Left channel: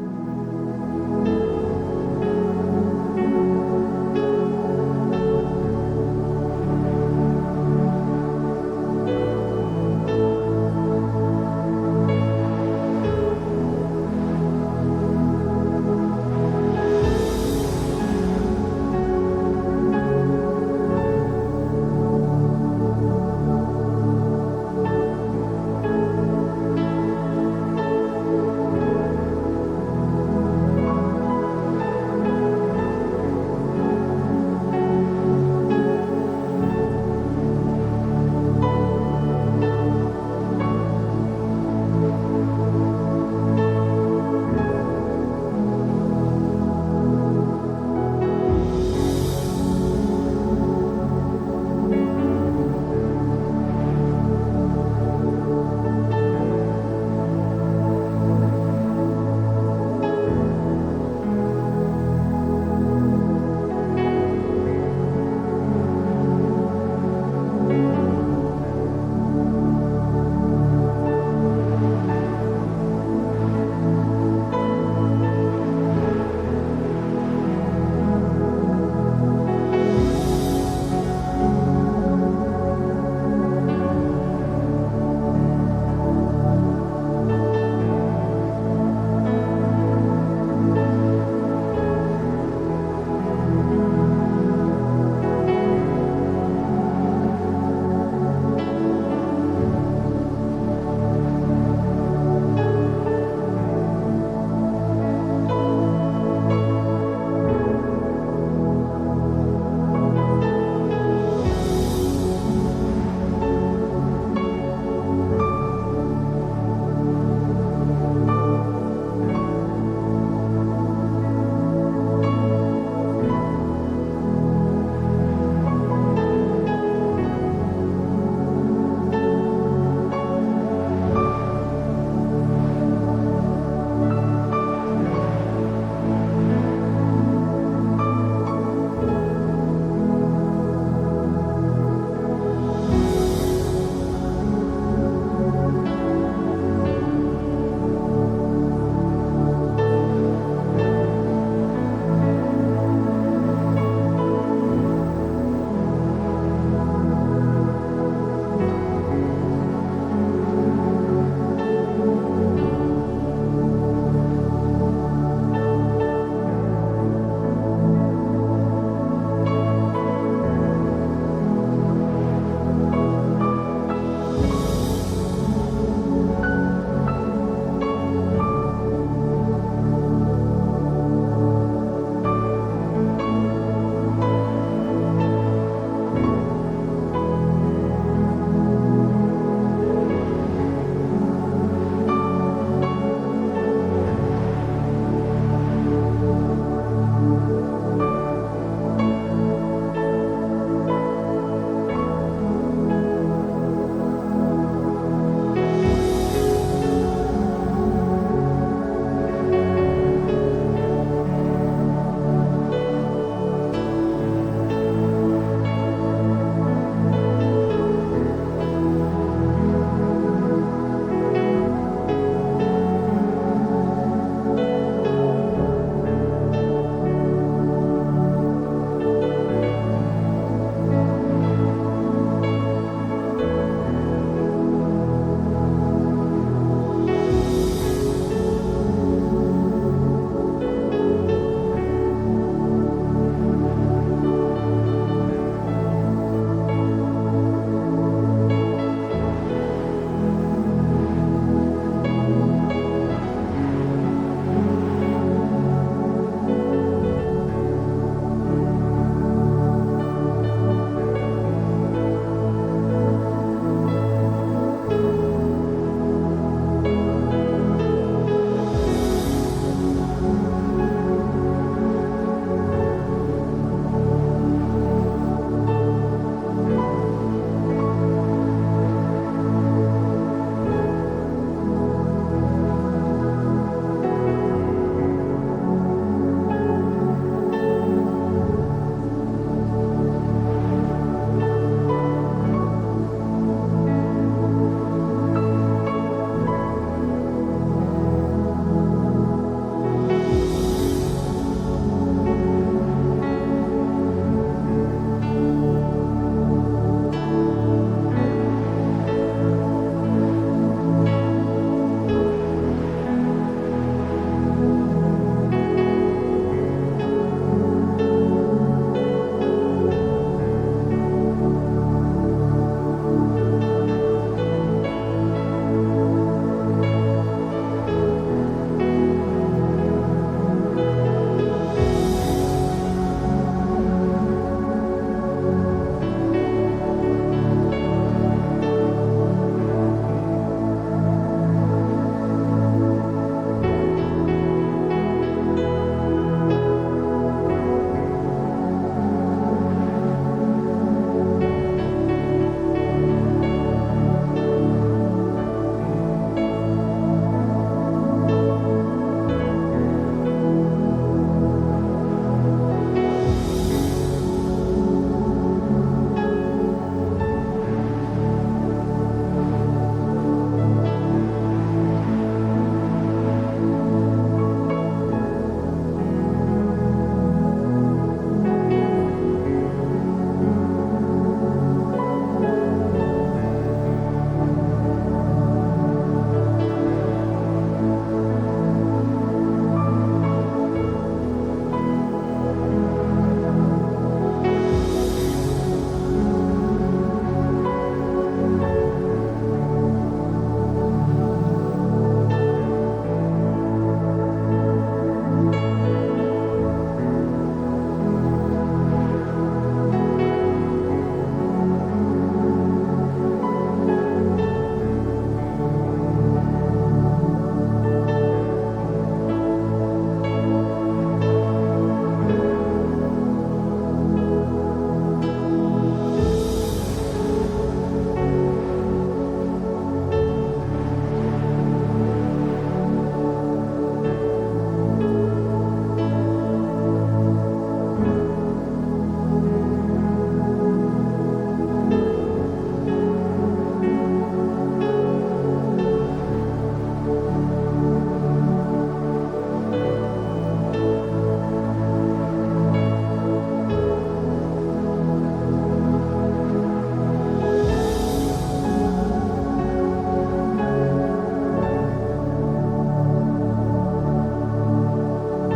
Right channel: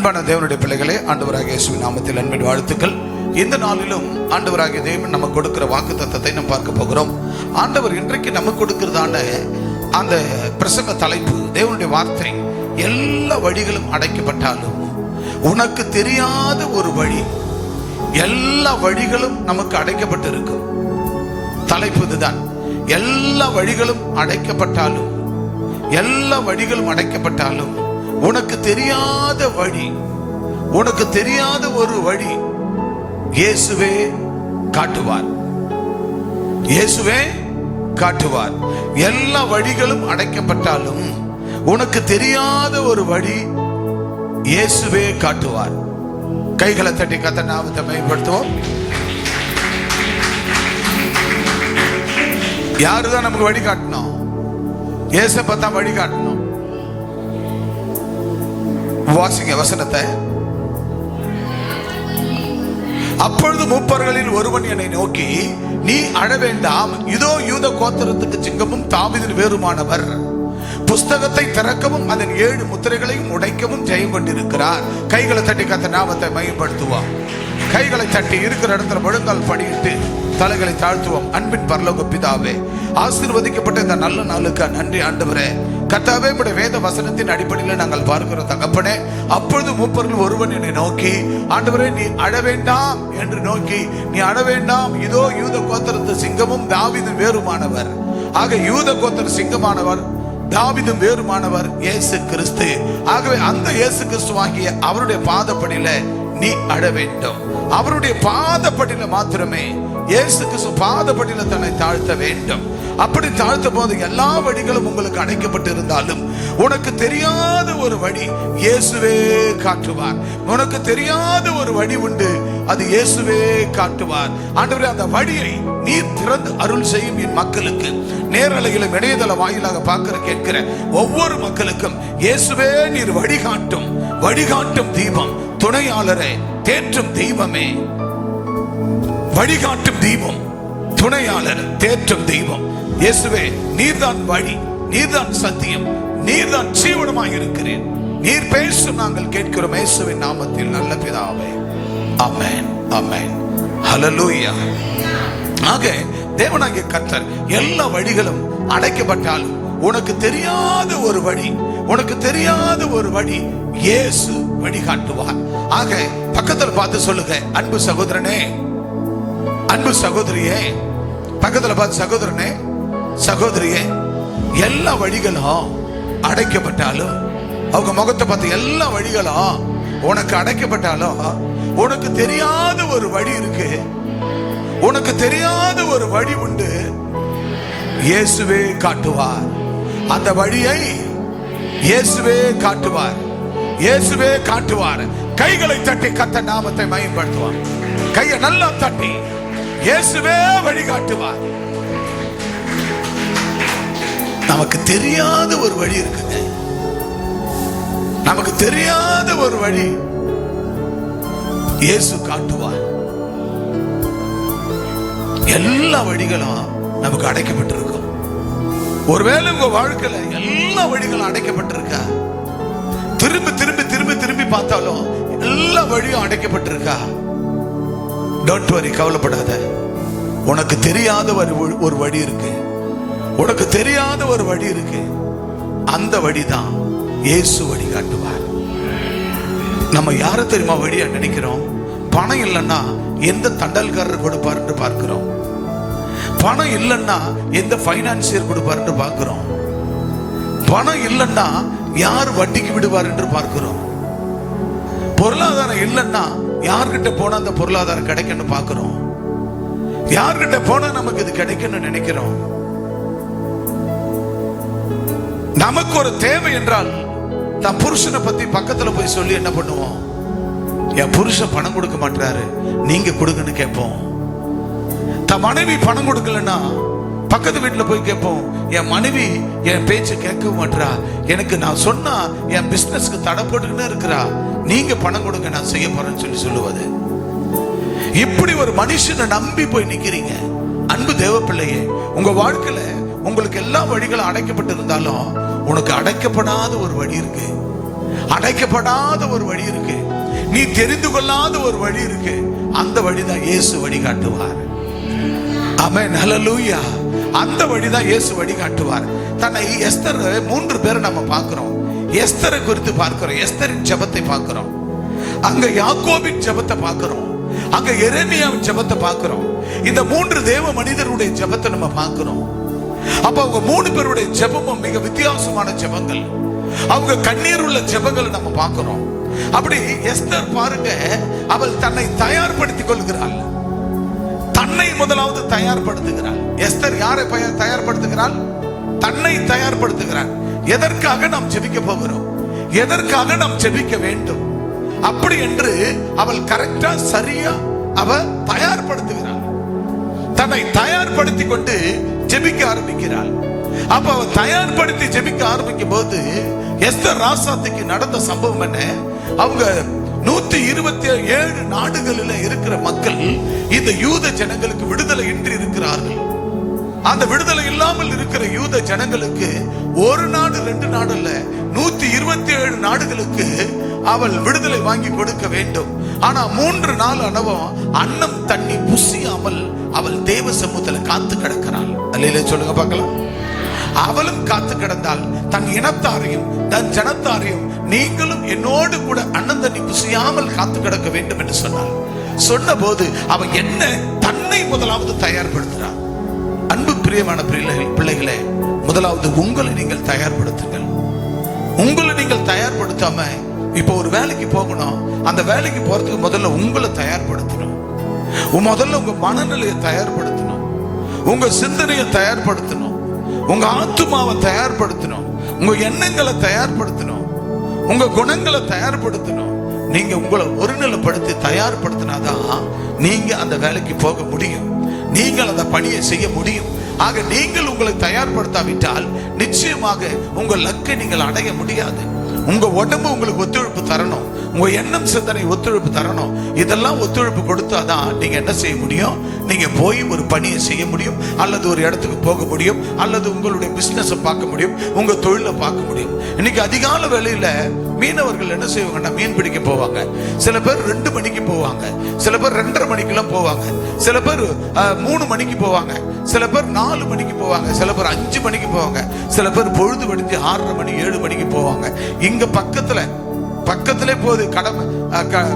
அன்பான தேவனுடைய பிள்ளைகளே, ஆண்டவராகிய இயேசுவின் நாமத்தில் அன்பின் வாழ்த்துக்கள். இந்த நாளிலும் ஆண்டவராகிய தேவன் நமக்கு கொடுக்கிற வாக்குத்தத்தத்தை நாம் பார்க்க போகிறோம். ஆண்டவர் இன்றைக்கு நமக்கு கொடுக்கிறதான அந்த பிரசங்க தலைப்பு, தேவனுடைய வார்த்தை, எல்லா வழிகளும் அடைக்கப்பட்டாலும் உனக்கு தெரியாத ஒரு வழி. எல்லா வழிகளும் நமக்கு அடைக்கப்பட்டு இருக்கும். தலைப்பு இதுதான். எல்லா வழிகளும் அடைக்கப்பட்டாலும், எல்லா வழிகளும் அடைக்கப்பட்டாலும் உனக்கு தெரியாத வழி, உனக்கு தெரியாத ஒரு வழி இயேசுவே காட்டுவார். இயேசுவே காட்டுவார். எல்லா வழிகளும் அடைக்கப்பட்டாலும் உனக்கு தெரியாத ஒரு வழி இயேசுவே காட்டுவார். கைகளை தட்டி கர்த்தர் நாமத்தை மகிமைப்படுத்துவோம். யாருதான் நமக்கு வழி காட்டணும்? இயேசுவை தான் வழி காட்டணும். வாசிங்க வசனத்தை. அப்பொழுது மூப்பர்களில் ஒருவன் என்னை நோக்கி, நீ அழ வேண்டாம், இதோ யூத கோத்திரத்துக்கு சிங்கமும் தாவீதின் வேறுமானவர், புஸ்தகத்தை திறக்கவும் அதன் 7 முத்திரைகளையும் உடைக்கவும் ஜெயம் கொண்டிருக்கிறார். கைகளை தட்டி கர்த்தர் நாமத்தை மகிமைப்படுத்துவோம். கைகளை தட்டி இருக்கிற இடத்துல முழங்கால் படியிட்டு தலைகளை தாழ்த்துவோம். அன்பின் பரலோக பிதாவே, ஆசீர்வதிக்கப்பட்ட இந்த நல்ல நாளுக்கு நன்றி ஆண்டவரே. கர்த்தாவே, உம்முடைய வேத வசனத்தின் அடிப்படையில் நாங்கள் பார்க்கிறோம் தகப்பனே. அப்பொழுது மூப்பர்கள் ஒருவன் என்னை நோக்கி, ஆண்டவரே நீ அழ வேண்டாம் என்று நோக்கி, நீ அழ வேண்டாம், இதோ யூத கோத்திரத்து சிங்கமும் தாவீதின் வேறுமானவர். ஆக யூத கோத்திர சிங்கமானவர், தாவீதும் வேறுமானவர் இயேசு கிறிஸ்து. ஆகவே அந்த இயேசு கிறிஸ்துவாகிய அவருடைய பாதப்படியில நீ அழ வேண்டும். அவருடைய பாதப்படியில மாத்திரமே, இயேசு கிறிஸ்து பாதப்படியில தன்னை தாழ்த்த வேண்டும். அப்படி தாழ்த்த போது எல்லா வழிகளும் உங்களுக்கு அடைக்கப்பட்டு இருந்தாலும் உனக்கு தெரியாத ஒரு வழி இயேசுவே காட்டுவார். உனக்கு தெரியாத ஒரு வழி உண்டு, அது இயேசுவே காட்டுவார். ஆண்டவரே, அந்த வழியை நீர் திறந்து அருள் செய்யும் என் மக்களுக்கு, நேரலையிலும் இணையதள வாயிலாக பார்க்கிற கேட்கிற ஒவ்வொரு மக்களுக்கும் இயேசுவே நீர் வழிகாட்டும். வழிகாட்டும் தீபம், துணையாளரே, தேற்றும் தெய்வமே, வழிகாட்டும் தெய்வம், துணையாளர், தேற்றும் தெய்வம் இயேசுவே, நீர்தான் வழி, நீர்தான் சத்தியம், நீர்தான் ஜீவனமாய் இருக்கிறேன். நீர் பேசும் நாங்கள் கேட்கிறோம் இயேசுவின் நாமத்தில் நல்ல பிதாவே. ஆமென், ஆமென், ஹல்லேலூயா. ஆக தேவனாகிய கர்த்தர் எல்லா வழிகளும் அடைக்கப்பட்டாலும் உனக்கு தெரியாத ஒரு வழி, உனக்கு தெரியாத ஒரு வழி இயேசு வழிகாட்டுவார். ஆக பக்கத்தில் பார்த்து சொல்லுங்க, அன்பு சகோதரனே, அன்பு சகோதரியே, பக்கத்தில் பார்த்து சகோதரனே, சகோதரியே, எல்லா வழிகளும் அடைக்கப்பட்டாலும், அவங்க முகத்தை பார்த்து எல்லா வழிகளும் உனக்கு அடைக்கப்பட்டாலும் உனக்கு தெரியாத ஒரு வழி இருக்கு. உனக்கு தெரியாத ஒரு வழி உண்டு, இயேசுவே காட்டுவார். அந்த வழியை இயேசுவே காட்டுவார். இயேசுவே காட்டுவார். கைகளை தட்டி கர்த்தர் நாமத்தை மகிமைப்படுத்துவார். கையை நல்லா தட்டி இயேசுவே வழிகாட்டுவார். நமக்கு தெரியாத ஒரு வழி இருக்குது. நமக்கு தெரியாத ஒரு வழி இயேசு காட்டுவார். எல்லா வழிகளும் நமக்கு அடைக்கப்பட்டிருக்கும். ஒருவேளை உங்க வாழ்க்கையில எல்லா வழிகளும் அடைக்கப்பட்டிருக்கா? திரும்பி திரும்பி திரும்பி திரும்பி பார்த்தாலும் எல்லா வழியும் அடைக்கப்பட்டிருக்கா? டோன்ட் வரி, கவலைப்படாத. உனக்கு தெரியாத ஒரு வழி இருக்கு. உனக்கு தெரியாத ஒரு வழி இருக்கு. அந்த வழிதான் இயேசு வழி காட்டுவார். நம்ம யாரை தெரியுமா வழியா நினைக்கிறோம்? பணம் இல்லைன்னா எந்த தண்டல்காரர் கொடுப்பார் என்று பார்க்கிறோம். பணம் இல்லைன்னா எந்த பைனான்சியர் கொடுப்பார் என்று பார்க்கிறோம். பணம் இல்லைன்னா யார் வட்டிக்கு விடுவார் என்று பார்க்கிறோம். பொருளாதாரம் இல்லைன்னா யார்கிட்ட போனா அந்த பொருளாதாரம் கிடைக்கும்னு பார்க்கிறோம். யார்கிட்ட போனா நமக்கு இது கிடைக்கும்னு நினைக்கிறோம். நமக்கு ஒரு தேவை என்றால் தான் புருஷனை பத்தி பக்கத்துல போய் சொல்லி என்ன பண்ணுவோம்? என் புருஷன் பணம் கொடுக்க மாட்டாரு, நீங்க கொடுங்கன்னு கேட்போம். தன் மனைவி பணம் கொடுக்கலன்னா பக்கத்து வீட்டுல போய் கேட்போம். என் மனைவி என் பேச்சு கேட்க மாட்டா, எனக்கு நான் சொன்னா என் பிசினஸ்க்கு தடை போட்டுக்கிட்டே இருக்கிறா, நீங்க பணம் கொடுங்க, நான் செய்ய போறேன்னு சொல்லுவது. இப்படி ஒரு மனுஷனை நம்பி போய் நிக்கிறீங்க. அன்பு தேவ பிள்ளையே, உங்க வாழ்க்கையில உங்களுக்கு எல்லா வழிகளும் அடைக்கப்பட்டு இருந்தாலும் உனக்கு அடைக்கப்படாத ஒரு வழி இருக்கு. அடைக்கப்படாத ஒரு வழி இருக்கு, நீ தெரிந்து கொள்ளாத ஒரு வழி இருக்கு. அந்த வழிதான் இயேசு வழிகாட்டுவார். ஆமென், ஹல்லேலூயா. அந்த வழிதான் இயேசு வழிகாட்டுவார். தன்னை எஸ்தர் 3 பேரை நம்ம பார்க்கிறோம். எஸ்தரை குறித்து பார்க்கிறோம், எஸ்தரின் ஜெபத்தை பார்க்கிறோம், அங்க யாக்கோபின் ஜெபத்தை பார்க்கிறோம், அங்க எரேமியாவின் ஜெபத்தை பார்க்கிறோம். இந்த 3 தேவ மனிதருடைய ஜெபத்தை நம்ம பார்க்கிறோம். அப்ப அவங்க 3 பேருடைய ஜெபமும் மிக வித்தியாசமான ஜெபங்கள், அவங்க கண்ணீர் உள்ள ஜெபங்களை நம்ம பார்க்கிறோம். அப்படி எஸ்தர் பாருங்க, அவள் தன்னை தயார்படுத்திக் கொள்கிறாள். தன்னை முதலாவது தயார்படுத்துகிறாள். எஸ்தர் யாரை தயார்படுத்துகிறாள்? தன்னை தயார்படுத்துகிறாள். எதற்காக நாம் ஜெபிக்க போகிறோம், எதற்காக நாம் ஜெபிக்க வேண்டும் அப்படி என்று அவள் கரெக்டா சரியா அவ தயார்படுத்துகிறாள். தன்னை தயார்படுத்தி கொண்டு ஜெபிக்க ஆரம்பிக்கிறாள். அப்ப அவ தயார்படுத்தி ஜெபிக்க ஆரம்பிக்கும் போது எஸ்தர் ராசாத்திக்கு நடந்த சம்பவம் என்ன? அவங்க 127 நாடுகளில் இருக்கிற மக்கள் இந்த யூத ஜனங்களுக்கு விடுதலை இன்றி இருக்கிறார்கள். அந்த விடுதலை இல்லாமல் இருக்கிற யூத ஜனங்களுக்கு ஒரு நாடு 2 நாடு அல்ல, 127 நாடுகளுக்கு அவள் விடுதலை வாங்கி கொடுக்க வேண்டும். ஆனா 3 நாள் அனுபவம் அன்னம் தண்ணி புசியாமல் அவள் தேவ சமூகத்தில் காத்து கிடக்கிறாள். அல்லேலூயா சொல்லுங்க பார்க்கலாம். அவளும் காத்து கிடந்தாள். தன் இனத்தாரையும் தன் ஜனத்தாரையும் நீங்களும் என்னோடு கூட அன்னம் தண்ணி புசியாமல் காத்து கிடக்க வேண்டும் என்று சொன்னாள். சொன்ன போது அவன் என்ன தன்னை முதலாவது தயார்படுத்துறான். அன்பு பிரியமான பிள்ளைகளே, முதலாவது உங்களை நீங்கள் தயார்படுத்துங்கள். உங்களை நீங்கள் தயார்படுத்தாம இப்போ ஒரு வேலைக்கு போகணும், அந்த வேலைக்கு போறதுக்கு முதல்ல உங்களை தயார்படுத்தணும். முதல்ல உங்க மனநிலையை தயார்படுத்தணும், உங்க சிந்தனையை தயார்படுத்தணும், உங்க ஆத்துமாவை தயார்படுத்தணும், உங்க எண்ணங்களை தயார்படுத்தணும், உங்க குணங்களை தயார்படுத்தணும். நீங்க உங்களை ஒருநிலைப்படுத்தி தயார்படுத்தினாதான் நீங்க அந்த வேலைக்கு போக முடியும், நீங்கள் அந்த பணியை செய்ய முடியும். ஆக நீங்கள் உங்களை தயார்படுத்தாவிட்டால் நிச்சயமாக உங்கள் லக்கை நீங்கள் அடைய முடியாது. உங்க உடம்பு உங்களுக்கு ஒத்துழைப்பு தரணும், உங்க எண்ணம் சிந்தனை ஒத்துழைப்பு தரணும். இதெல்லாம் ஒத்துழைப்பு கொடுத்தாதான் நீங்க என்ன செய்ய முடியும்? நீங்க போய் ஒரு பணியை செய்ய முடியும், அல்லது ஒரு இடத்துக்கு போக முடியும், அல்லது உங்களுடைய பிசினஸை பார்க்க முடியும், உங்க தொழிலை பார்க்க முடியும். இன்னைக்கு அதிகால வேளையில மீனவர்கள் என்ன செய்வாங்கன்னா மீன் பிடிக்க போவாங்க. சில பேர் 2 மணிக்கு போவாங்க, சில பேர் 2:30 மணிக்கெல்லாம் போவாங்க, சில பேர் 3 மணிக்கு போவாங்க, சில பேர் 4 மணிக்கு போவாங்க, சில பேர் 5 மணிக்கு போவாங்க, சில பேர் பொழுது விடிஞ்சு 6:30 மணி 7 மணிக்கு போவாங்க. இங்க பக்கத்திலே போகுது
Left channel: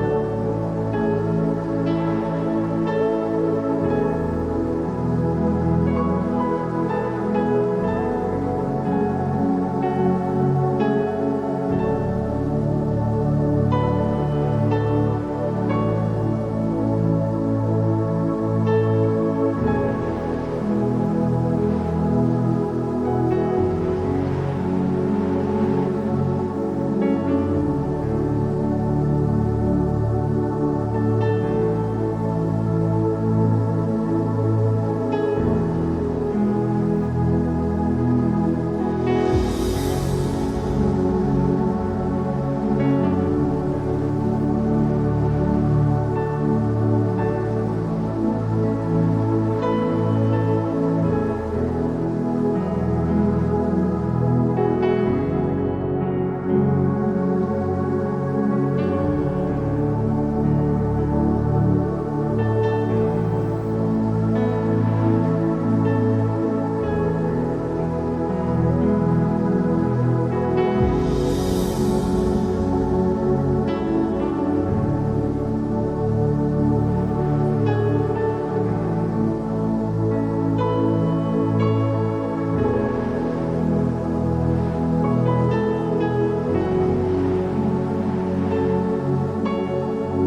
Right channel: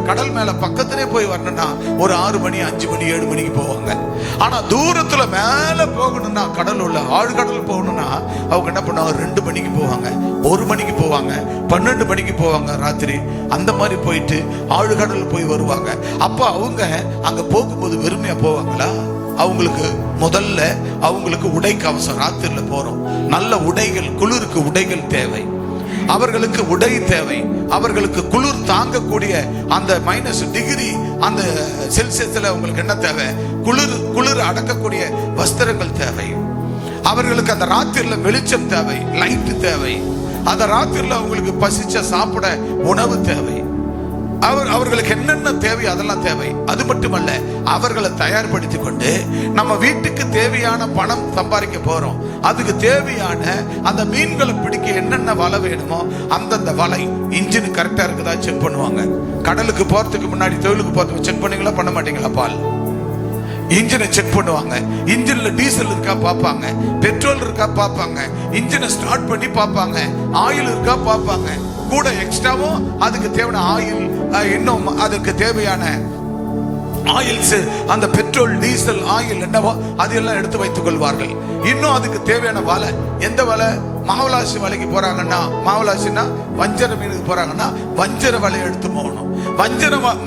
கடல் மேல பக்கத்திலே போய் வரணும்னா ஒரு 6 மணி 5 மணி 7 மணிக்கு போவாங்க. ஆனா தூரத்துல மேல போகணும்னா கடல் உள்ள ஆழ்கடல் போகணும்னா அவங்க என்ன பண்ணுவாங்க? 2 மணிக்கு போவாங்க, 1 மணிக்கு போவாங்க, 12 மணிக்கு போவாங்க ராத்திரி. அந்த மாதிரி போயிட்டு ஆழ்கடல் போய் வருவாங்க. அப்ப அவங்க அங்க போகும்போது வெறுமையா போவாங்களா? அவங்களுக்கு முதல்ல அவங்களுக்கு உடை கவசம். ராத்திரில போறோம், நல்ல உடைகள், குளிருக்கு உடைகள் தேவை, அவர்களுக்கு உடை தேவை, அவர்களுக்கு குளிர் தாங்கக்கூடிய அந்த -டிகிரி அந்த செல்சியஸ்ல அவங்களுக்கு என்ன தேவை? குளிர் அடக்கக்கூடிய வஸ்திரங்கள் தேவை. அவர்களுக்கு அந்த ராத்திரில வெளிச்சம் தேவை, லைட் தேவை. அந்த ராத்திரில அவங்களுக்கு பசிச்ச சாப்பிட உணவு தேவை. அவர்களுக்கு என்னென்ன தேவை அதெல்லாம் தேவை. அது மட்டுமல்ல, அவர்களை தயார்படுத்தி கொண்டு நம்ம வீட்டுக்கு தேவையான பணம் சம்பாதிக்க போறோம். அதுக்கு தேவையான அந்த மீன்களை பிடிக்க என்னென்ன வலை வேணுமோ அந்தந்த வலை இன்ஜின் கரெக்டா இருக்குதா செக் பண்ணுவாங்க. கடலுக்கு போறதுக்கு முன்னாடி தொழிலுக்கு போறதுக்கு செக் பண்ணீங்களா பண்ண மாட்டீங்களா? பால் இன்ஜினை செக் பண்ணுவாங்க. இன்ஜின்ல டீசல் இருக்கா பார்ப்பாங்க, பெட்ரோல் இருக்கா பார்ப்பாங்க, இன்ஜினை ஸ்டார்ட் பண்ணி பார்ப்பாங்க, ஆயில் இருக்கா பார்ப்பாங்க. கூட எக்ஸ்ட்ராவும் அதுக்கு தேவையான ஆயில், இன்னும் அதுக்கு தேவையான ஆயில்ஸ், அந்த பெட்ரோல் டீசல் ஆயில் என்னவோ அதெல்லாம் எடுத்து வைத்துக் கொள்வார்கள். இன்னும் அதுக்கு தேவையான வலை, எந்த வலை? மாவலாசி வலைக்கு போறாங்கன்னா, மாவலாசின்னா வஞ்சர மீனுக்கு போறாங்கன்னா வஞ்சர வலையை எடுத்து போகணும்.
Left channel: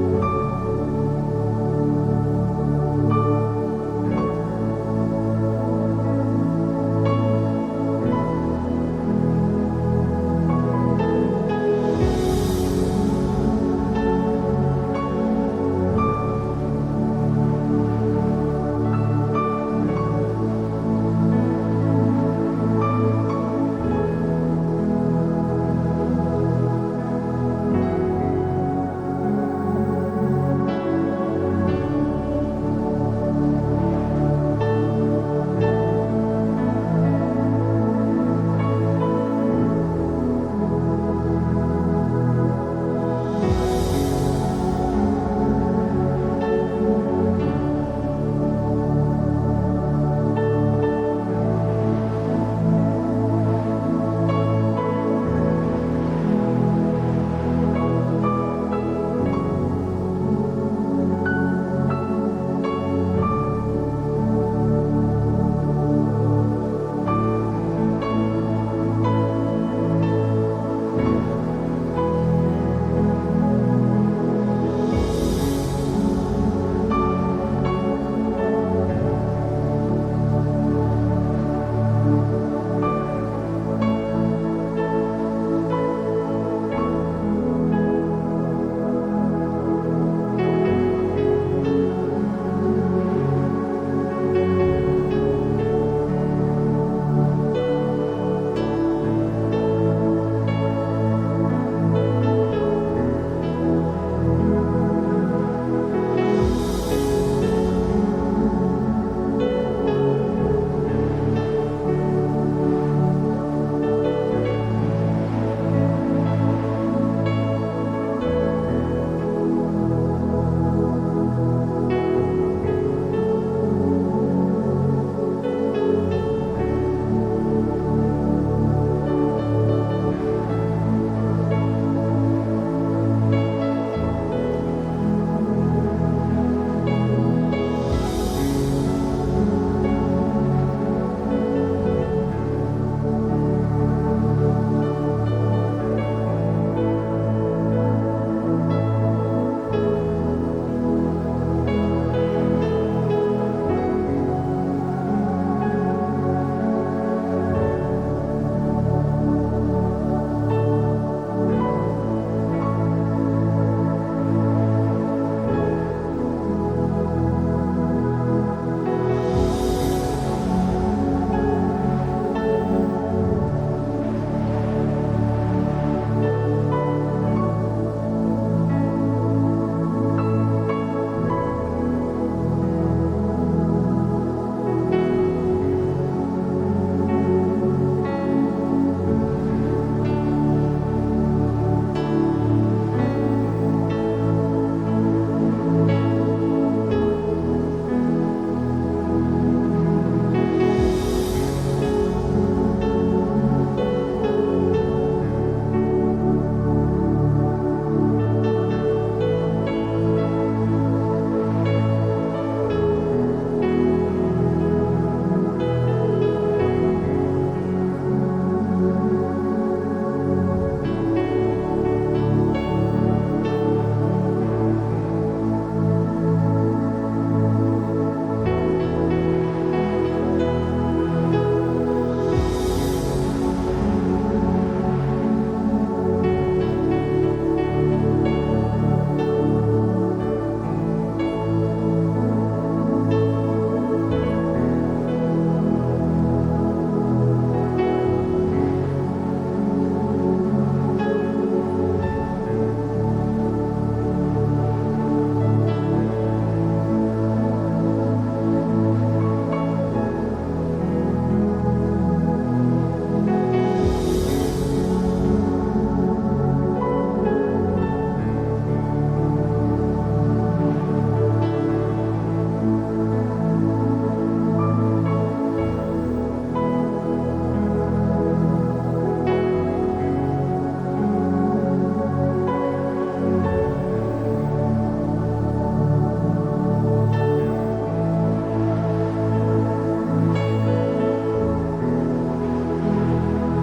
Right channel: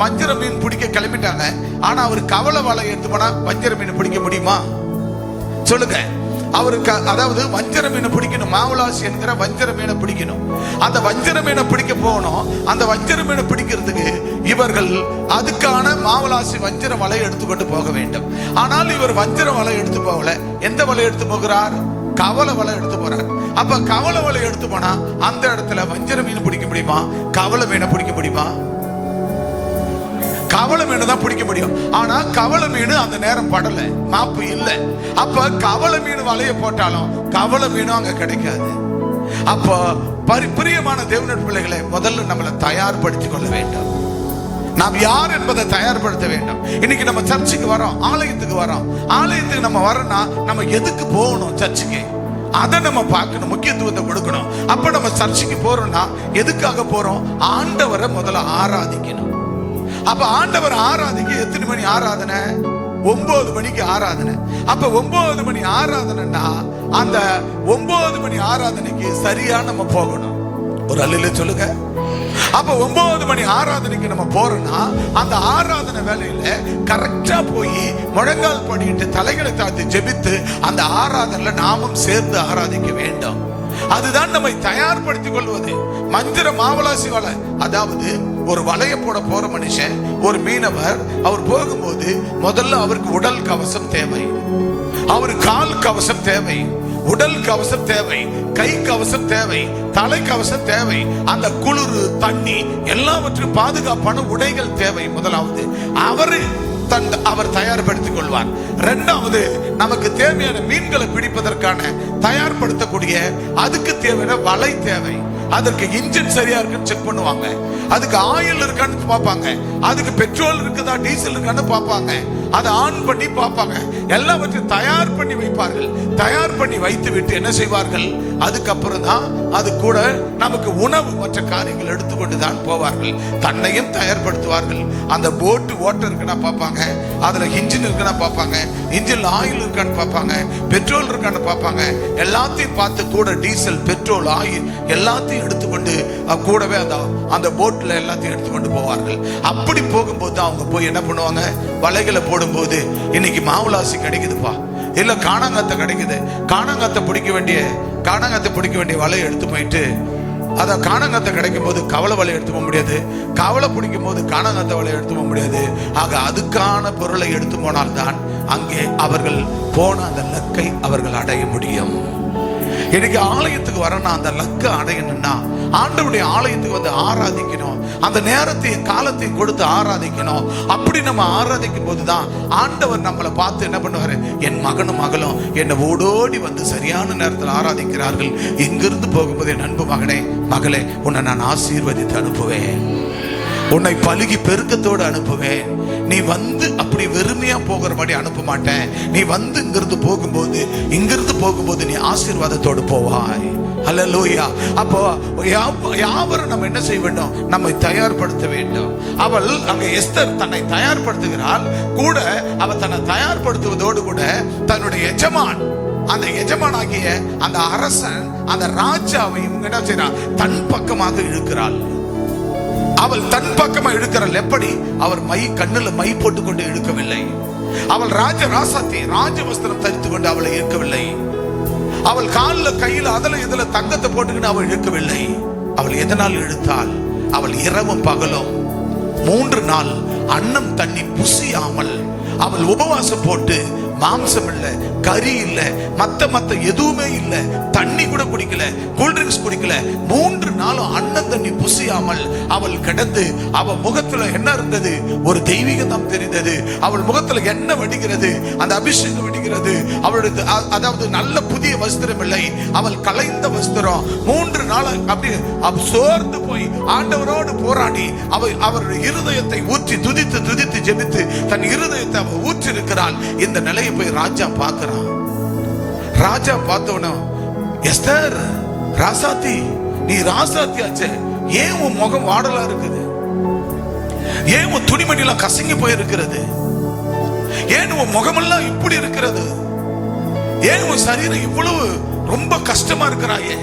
வஞ்சர மீன் பிடிக்க கிளம்பிட்டாங்க. ஆனா அவர் கவலை வலை எடுத்து போனா வஞ்சர மீன் பிடிக்க முடியுமா? சொல்லுங்க. அவருக்கு அதாவது வஞ்சர மீனை பிடிக்கணும், மாவலாசி என்கிற வஞ்சர மீனை பிடிக்கணும். அந்த வஞ்சர மீனை பிடிக்க போகணும். அந்த வஞ்சர மீனை பிடிக்கிறதுக்கு இவர்கள் அதுக்கான மாவலாசி வஞ்சர வலை எடுத்துக்கொண்டு போக வேண்டும். ஆனால் இவர் வஞ்சர வலை எடுத்து போகல. எந்த வலை எடுத்து போகிறார்? கவலை வலை எடுத்து போறார். அப்ப கவலை வலை எடுத்து போனா அந்த இடத்துல வஞ்சர மீன் பிடிக்க முடியுமா? கவலை மீனை பிடிக்க முடியுமா? கவலை மீன் தான் பிடிக்க முடியும். ஆனா கவலை மீன் அந்த நேரம் படல, மாப்பு இல்லை. அப்ப கவலை மீன் வலைய போட்டாலும் கவலை மீனும் அங்க கிடைக்காது. அப்ப பிரியமான தேவனுடைய பிள்ளைகளை, முதல்ல நம்மளை தயார்படுத்திக் கொள்ள வேண்டும். நாம் யார் என்பதை தயார்படுத்த வேண்டும். இன்னைக்கு நம்ம சர்ச்சுக்கு வரோம், ஆலயத்துக்கு வரோம். ஆலயத்துக்கு நம்ம வரோம்னா நம்ம எதுக்கு போகணும்? சர்ச்சுக்கு. அதை நம்ம பார்க்கணும், முக்கியத்துவத்தை கொடுக்கணும். அப்ப நம்ம சர்ச்சுக்கு போறோம்னா எதுக்காக போறோம்? ஆண்டவரை முதல்ல ஆராதிக்கணும். அப்ப ஆண்டவர் ஆராதிக்க எத்தனை மணி ஆராதனை? 9 மணிக்கு ஆராதனை. அப்ப 9 மணி ஆராதனைன்னா அந்த 9 மணி ஆராதனைக்கு சரியா நம்ம போகணும். ஒரு அல்ல சொல்லுங்க. அப்ப 9 மணி ஆராதனைக்கு நம்ம போறோம்னா அந்த ஆராதனை வேலையில கரெக்டா போய் முழங்கால் பண்ணிட்டு தலைகளை தாழ்த்தி ஜெபித்து அந்த ஆராதனையில நாமும் சேர்ந்து ஆராதிக்க வேண்டும். அதுதான் நம்மை தயார்படுத்திக் கொள்வது. மந்திர மாவலாசி வலை, அதாவது ஒரு வலைய போட போற மனுஷன், ஒரு மீனவர், அவர் போகும்போது முதல்ல அவருக்கு உடல் கவசம் தேவை, அவர் கால் கவசம் தேவை, உடல் கவசம் தேவை, கை கவசம் தேவை, தலை கவசம் தேவை, அந்த குளிர் தண்ணி எல்லாவற்றையும் பாதுகாப்பான உடைகள் தேவை. முதலாவது அவர் தயார்படுத்திக் கொள்வார். இரண்டாவது, நமக்கு தேவையான மீன்களை பிடிப்பதற்கான தயார்படுத்தக்கூடிய அதுக்கு தேவையான வலை தேவை. அதற்கு இன்ஜின் சரியா இருக்குன்னு செக் பண்ணுவாங்க, அதுக்கு ஆயில் இருக்கான்னு பார்ப்பாங்க, அதுக்கு பெட்ரோல் இருக்குதா டீசல் இருக்கான்னு பார்ப்பாங்க, அதை ஆன் பண்ணி பார்ப்பாங்க. எல்லாவற்றையும் தயார் பண்ணி வைப்பார்கள். தயார் பண்ணி வைத்து விட்டு என்ன செய்வார்கள்? அதுக்கப்புறம் தான் அது கூட நமக்கு உணவு மற்ற காரியங்கள் எடுத்துக்கொண்டு தான் போவார்கள். தன்னையும் தயார்படுத்துவார்கள். அந்த போட்டு ஓட்டர் இருக்குன்னா பார்ப்பாங்க, அதுல இன்ஜின் இருக்குன்னா பார்ப்பாங்க, இன்ஜின்ல ஆயில் இருக்கான்னு பார்ப்பாங்க, பெட்ரோல் இருக்கான்னு பார்ப்பாங்க. எல்லாத்தையும் பார்த்து கூட டீசல், பெட்ரோல், ஆயில் எல்லாத்தையும் எடுத்துக்கொண்டு கூடவே அந்த போட்ல எல்லாத்தையும் எடுத்துக்கொண்டு போவார்கள். அப்படி போகும்போது அவங்க போய் என்ன பண்ணுவாங்க? வலைகளை போடும்போது இன்னைக்கு மாவுலாசி கிடைக்குதுப்பா, இல்ல காணாங்கத்தை கிடைக்குது, காணாங்கத்தை பிடிக்க வேண்டிய வலையை எடுத்து போயிட்டு அதை காணாங்கத்தை கிடைக்கும் போது கவலை வலை எடுத்து போக முடியாது, கவலை பிடிக்கும் போது காணாங்கத்தை வலை எடுத்து போக முடியாது. ஆக அதுக்கான பொருளை எடுத்து போனால்தான் அங்கே அவர்கள் போன அந்த லக்கை அவர்கள் அடைய முடியும். இன்னைக்கு ஆலயத்துக்கு வரணும், அந்த லக்கை அடையணும்னா ஆண்டவருடைய ஆலயத்துக்கு வந்து ஆராதிக்கணும். அந்த நேரத்தையும் காலத்தையும் கொடுத்து ஆராதிக்கணும். அப்படி நம்ம ஆராதிக்கும் போதுதான் ஆண்டவர் நம்மளை பார்த்து என்ன பண்ணுவாரு? என் மகனும் மகளும் என்னை ஓடோடி வந்து சரியான நேரத்தில் ஆராதிக்கிறார்கள். எங்கிருந்து போகும்போது என் அன்பு மகனே மகளே, உன்னை நான் ஆசீர்வதித்து அனுப்புவேன், உன்னை பலுகி பெருக்கத்தோடு அனுப்புவேன். நீ வந்து அப்படி வெறுமையா போகிறபடி அனுப்ப மாட்டேன். நீ வந்து இங்கிருந்து போகும்போது நீ ஆசீர்வாதத்தோடு போவாய். அல்லேலூயா. அப்போ யாவரும் நம்ம என்ன செய்ய வேண்டும்? நம்மை தயார்படுத்த வேண்டும். அவள் அங்க எஸ்தர் தன்னை தயார்படுத்துகிறாள். கூட அவள் தன்னை தயார்படுத்துவதோடு கூட தன்னுடைய எஜமான், அந்த எஜமானாகிய அந்த அரசன், அந்த ராஜாவை என்ன செய்யறான்? தன் பக்கமாக இழுக்கிறாள். அவள் தன் பக்கமா இழுக்கிறாள். எப்படி? அவர் கண்ணுல மை போட்டுக் கொண்டு இழுக்கவில்லை. அவள் ராசாத்தி ராஜ வஸ்திரம் தரித்துக் கொண்டு அவளை இழுக்கவில்லை. அவள் காலில் கையில் அதுல இதுல தங்கத்தை போட்டுக்கிட்டு அவள் இழுக்கவில்லை. அவள் எதனால் இழுத்தாள்? அவள் இரவும் பகலும் 3 நாள் அன்னம் தண்ணி புசியாமல் அவள் உபவாசம் போட்டு, மாம்சம் இல்ல, கறி இல்ல, மத்த எதுவுமே இல்ல, தண்ணி கூட குடிக்கல, கூல்ட்ரிங்க்ஸ் குடிக்கல, 3 நாளும் அன்னம் தண்ணி புசியாமல் அவள் கிடந்து, அவள் முகத்துல என்ன இருந்தது? ஒரு தெய்வீகம் தெரிந்தது. அவள் முகத்துல என்ன வெடிக்கிறது? அந்த அபிஷேகம் வெடிக்கிறது. அவளுடைய அதாவது நல்ல புதிய வஸ்திரம் இல்லை, அவள் கலைந்த வஸ்திரம். 3 நாள் அப்படி சோர்ந்து போய் ஆண்டவரோடு போராடி அவருடைய இருதயத்தை ஊற்றி துதித்து ஜெபித்து தன் இருதயத்தை ஊற்றி இருக்கிறாள். இந்த நிலையை போய் ராஜா பார்க்கிறான். ராஜா பார்த்தவன, எஸ்தர் ராசாத்தி, நீ ராசாத்தி ஆச்சே, ஏன் உன் முகம் வாடலா இருக்குது? ஏன் உன் துணிமணி எல்லாம் கசங்கி போயிருக்கிறது? ஏன் உன் முகமெல்லாம் இப்படி இருக்கிறது? ஏன் உன் சரீரம் இவ்வளவு ரொம்ப கஷ்டமா இருக்கிறாயே,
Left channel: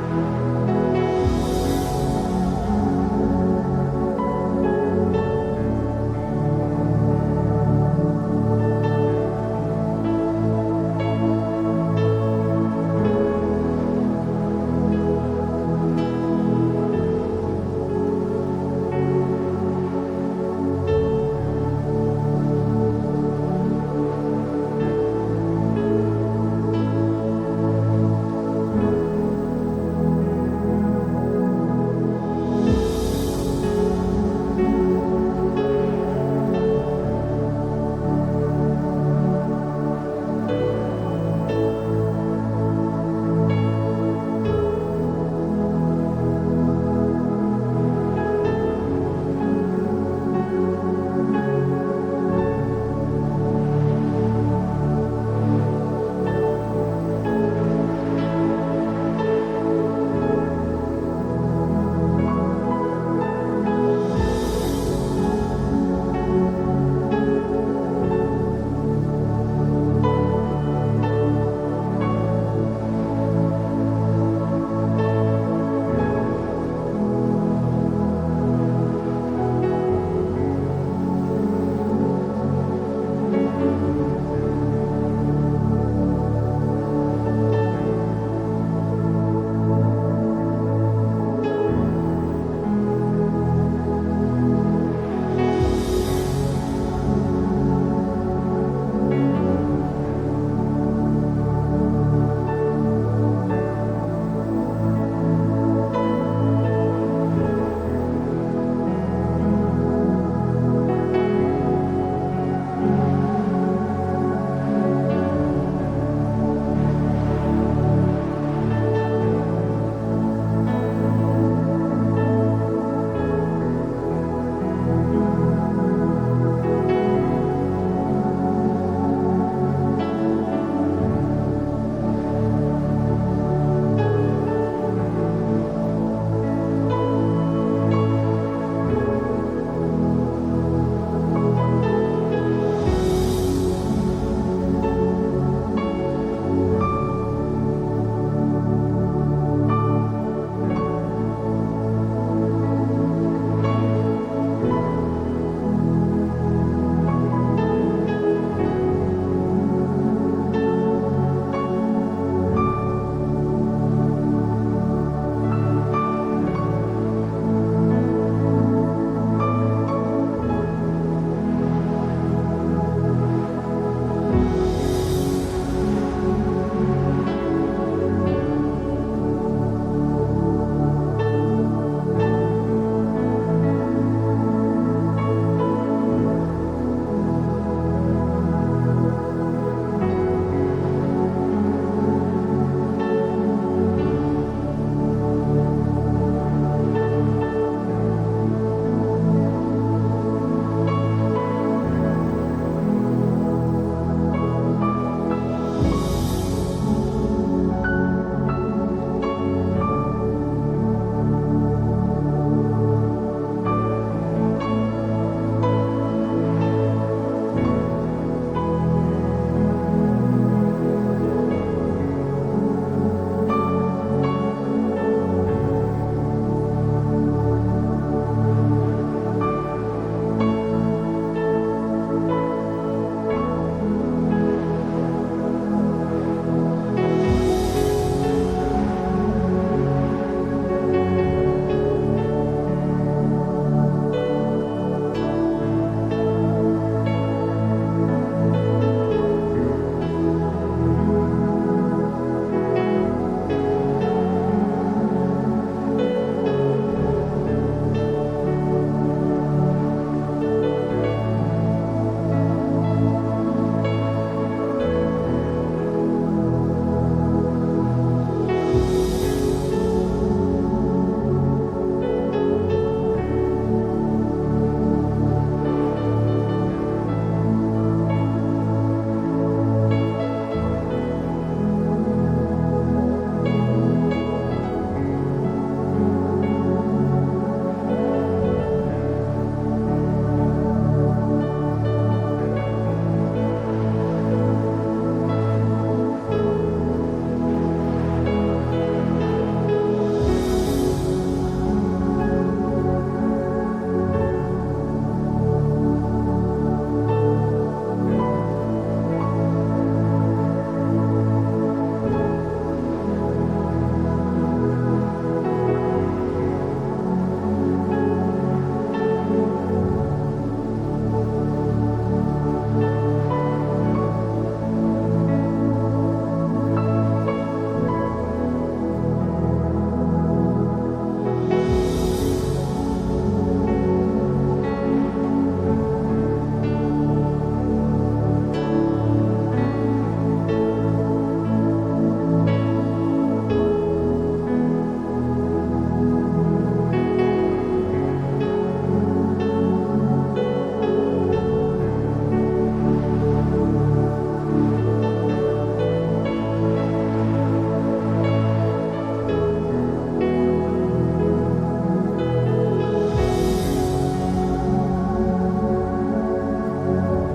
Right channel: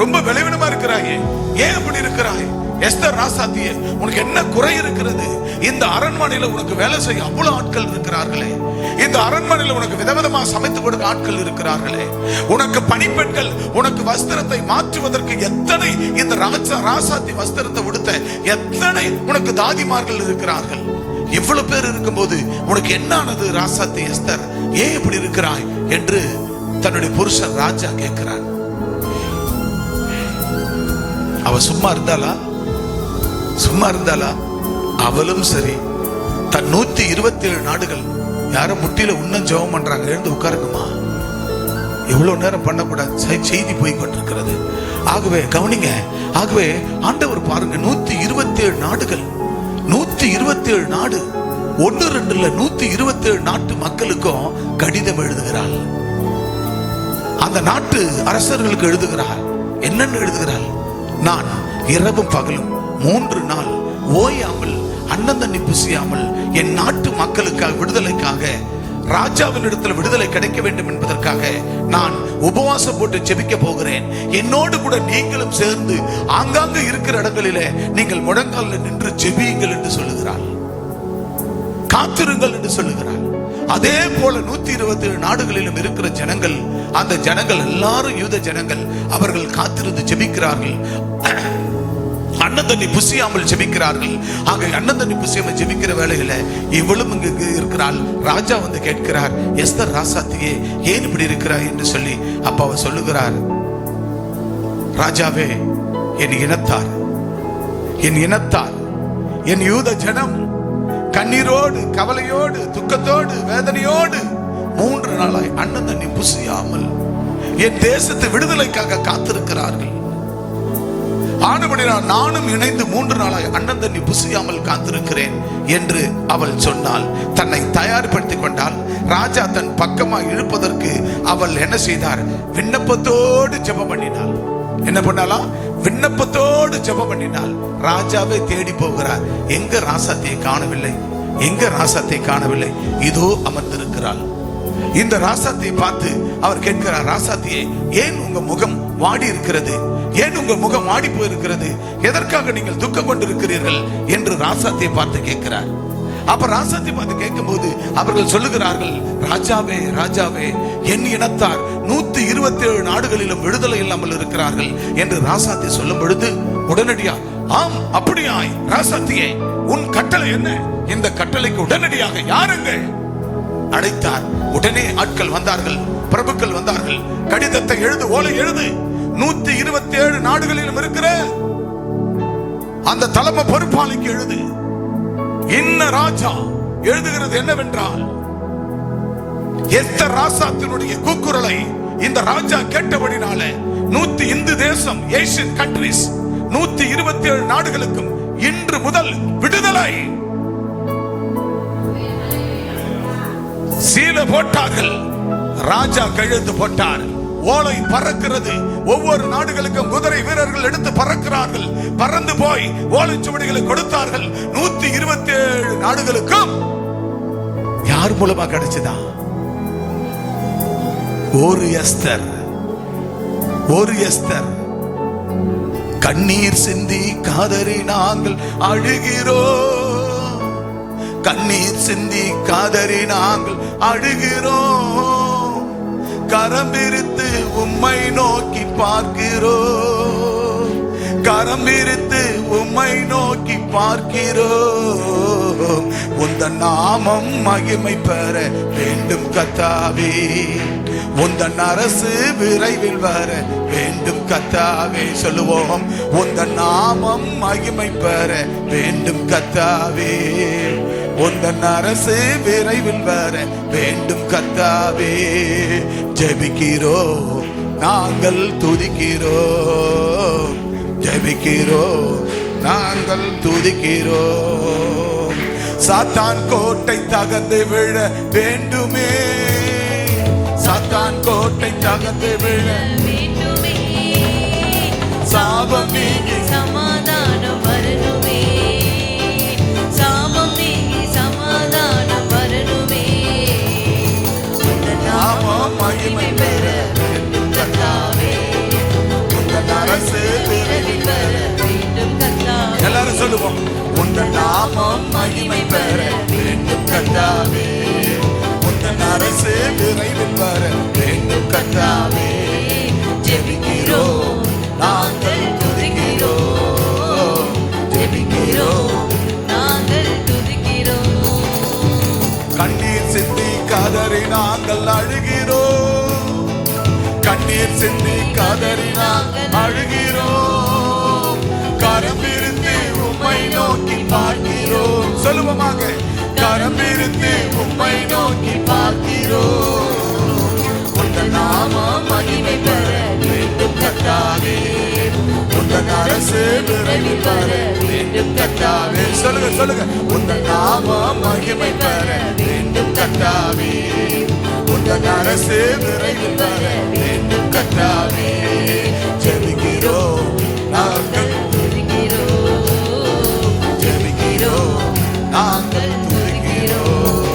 ரொம்ப விளைவிடமா இருக்கிறாயே, ஏன் இப்படி இருக்கிறாய்? எஸ்தர் ராசாத்தியே, உனக்கு என்ன குறை இருக்கிறது? இந்த அரண்மனையில உனக்கு வேலை செய்ய அவ்வளவு ஆட்கள் இருக்கிறார்களே, இந்த அரண்மனையில உனக்கு விதவிதமா சமைத்து கொடுக்க ஆட்கள் இருக்கிறார்களே, உனக்கு பணிப்பெண்கள் உனக்கு வஸ்திரத்தை மாற்றுவதற்கு எத்தனை, இந்த ராசாத்தி வஸ்திரத்தை உடுத்த எத்தனை உனக்கு தாதிமார்கள் இருக்கிறார்கள். இவ்வளவு பேர் இருக்கும்போது உனக்கு என்ன ஆனது ராசாத்தி எஸ்தர்? ஏன் இப்படி இருக்கிறாய் என்று தன்னுடைய புருஷன் ராஜா கேட்கிறான். அவ சும்மா இருந்தாளா? அவளும் சரி, தன் 127 நாடுகள் யாரும் முட்டியில இன்னும் ஜெபம் பண்றாங்க, எழுந்து உட்காருங்கம்மா, எவ்வளவு நேரம் பண்ணக்கூடாது, செய்தி போய் கொண்டிருக்கிறது. ஆகவே கவனிங்க. ஆகவே ஆண்டவர் பாருங்க, 127 நாடுகள், 127 நாடு, 1-2 இல்ல, 127 நாட்டு மக்களுக்கும் கடிதம் எழுதுகிறாள். அந்த நாட்டு அரசர்களுக்கு எழுதுகிறாள். என்னன்னு எழுதுகிறாள்? நான் இரவும் பகலும் 3 நாள் ஓயாமல் அன்னம் தண்ணி புசியாமல் என் நாட்டு மக்களுக்காக, விடுதலைக்காக, ராஜாவின் இடத்துல விடுதலை கிடைக்க வேண்டும் என்பதற்காக நான் உபவாசம் போட்டு ஜெபிக்க போகிறேன். என்னோடு கூட நீங்களும் சேர்ந்து ஆங்காங்க இருக்கிற இடங்களிலே நீங்கள் முழங்காலில் நின்று ஜெபியுங்கள் என்று சொல்லுகிறாள். காத்திருங்கள் என்று சொல்லுகிறாள். அதே போல 127 நாடுகளிலும் இருக்கிற ஜனங்கள், அந்த ஜனங்கள் எல்லாரும் யூத ஜனங்கள், அவர்கள் காத்திருந்து ஜெபிக்கிறார்கள். அன்னம் தண்ணி புசியாமல் ஜெபிக்கிறார்கள். ஆக அன்னம் தண்ணி புசியாமல் ஜெபிக்கிற வேளையில இவளும் இங்கு இருக்கிறாள். ராஜா வந்து கேட்கிறார், எஸ்தர் ராசாத்தியே ஏன் இப்படி இருக்கிறாய் என்று சொல்லி. அப்ப அவர் சொல்லுகிறார், ராஜாவே, என் இனத்தார், என் யூத ஜனம் கண்ணீரோடு, கவலையோடு, துக்கத்தோடு, வேதனையோடு 3 நாளாய் அன்னம் தண்ணி புசியாமல் என் தேசத்தை விடுதலைக்காக காத்திருக்கிறார்கள். ஆனபடியால் நானும் இணைந்து 3 நாளாய் அன்னம் தண்ணி புசியாமல் காத்திருக்கிறேன் என்று அவள் சொன்னால், தன்னை தயார்படுத்திக் கொண்டால். ராஜா தன் பக்கமாக இழுப்பதற்கு அவள் என்ன செய்தார்? விண்ணப்பத்தோடு ஜெபம் பண்ணினாள். என்ன பண்ணாலாம்? விண்ணப்பத்தோடு ஜெபம் பண்ணினாள். ராஜாவை தேடி போகிறார். எங்க ராசாத்தியை காணவில்லை, எங்க ராசாத்தியை காணவில்லை. இதோ அமர்ந்திருக்கிறாள். இந்த ராசாத்தியை பார்த்து அவர் கேட்கிறார், ராசாத்தியே ஏன் உங்க முகம் வாடி இருக்கிறது? ஏன் உங்க முகம் வாடி போயிருக்கிறது? எதற்காக நீங்கள் துக்கம் கொண்டிருக்கிறீர்கள் என்று ராசாத்தியை பார்த்து கேட்கிறார். அப்ப ராசாத்தியை பார்த்து கேட்கும் போது அவர்கள் சொல்லுகிறார்கள், ராஜாவே, ராஜாவே, என் இனத்தார் 127 நாடுகளிலும் விடுதலை இல்லாமல் இருக்கிறார்கள் என்று ராசாத்தி சொல்லும் பொழுது உடனடியா, ஆம் அப்படியாய் ராசாத்தியே, உன் கட்டளை என்ன? இந்த கட்டளைக்கு உடனடியாக யாருங்கள் அழைத்தார். உடனே ஆட்கள் வந்தார்கள், பிரபுக்கள் வந்தார்கள். கடிதத்தை எழுது, ஓலை எழுது, 127 நாடுகளிலும் இருக்கிற அந்த தலைமை பொறுப்பாளிக்கு எழுது. இன்ன ராஜா எழுதுகிறது என்னவென்றால், எஸ்தர் ராசாத்தினுடைய கூக்குரலை இந்த ராஜா கேட்டபடினால இந்து தேசம், ஏசியன் கண்ட்ரிஸ் 127 நாடுகளுக்கும் இன்று முதல் விடுதலை. சீல போட்டார்கள், ராஜா கையெழுத்து போட்டார். ஓலை பறக்கிறது. ஒவ்வொரு நாடுகளுக்கும் குதிரை வீரர்கள் எடுத்து பறக்கிறார்கள். பறந்து போய் ஓலைச்சுவடிகளை கொடுத்தார்கள். 127 நாடுகளுக்கும் யார் மூலமா கிடைச்சதா? ஒரு எஸ்தர், ஒரு எஸ்தர். கண்ணீர் சிந்தி காதறி நாங்கள் அழுகிறோம், கண்ணீர் சிந்தி காதறி நாங்கள் அழுகிறோம், கரம் விரித்து உம்மை நோக்கி பார்க்கிறோம், கரம் விரித்து உம்மை நோக்கி பார்க்கிறோம். உந்தன் நாமம் மகிமை பெற வேண்டும் கர்த்தாவே, உந்தன் அரசு விரைவில் வர வேண்டும் கர்த்தாவே. சொல்லுவோம், உந்தன் நாமம் மகிமை பெற வேண்டும் கர்த்தாவே, உந்தன் அரசு விரைவில் வர வேண்டும் கர்த்தாவே. ஜெபிக்கிறோம், நாங்கள் துதிக்கிறோம், ஜெபிக்கிறோம், நாங்கள் துதிக்கிறோம். சாத்தான் கோட்டை தகர்ந்து விழ வேண்டுமே, சாத்தான் கோட்டை தகர்ந்து விழ வேண்டுமே, சாபம் நீங்கி சமாதானம் வரணுமே, சாபம் நீங்கி சமாதானம் வரணுமே. உந்தன் நாமம் மகிமை பெற வேண்டும் கர்த்தாவே, உந்தன் அரசு விரைவில் வர வேண்டும் கர்த்தாவே. எல்லாரும் சொல்லுவோம், உந்தன் நாமம் மகிமை பெற வேண்டும் கர்த்தாவே, உந்தன் அரசு விரைவில் வர வேண்டும் கர்த்தாவே. ஜெபிக்கிறோம், நாங்கள் துதிக்கிறோம், ஜெபிக்கிறோம், நாங்கள் துதிக்கிறோம். கண்ணீர் சிந்தி காதறி நாங்கள் அழுகிறோம், கண்ணீர் சிந்தி காதறி நாங்கள் அழுகிறோம், கரம் விரித்து உம்மை நோக்கி பார்க்கிறோம். சொல்லுவோமாக, கரம் விரித்து உம்மை நோக்கி பார்க்கிறோம். உந்தன் நாமம் சொல்லுங்க சொல்லுங்க. உந்த நாமம் மகிமை பெற வேண்டும் கர்த்தாவே, உந்த அரசு விரைவில் வர வேண்டும் கர்த்தாவே. ஜெபிக்கிறோம் நாங்கள், ஜெபிக்கிறோம் நாங்கள் துதிக்கிறோம்.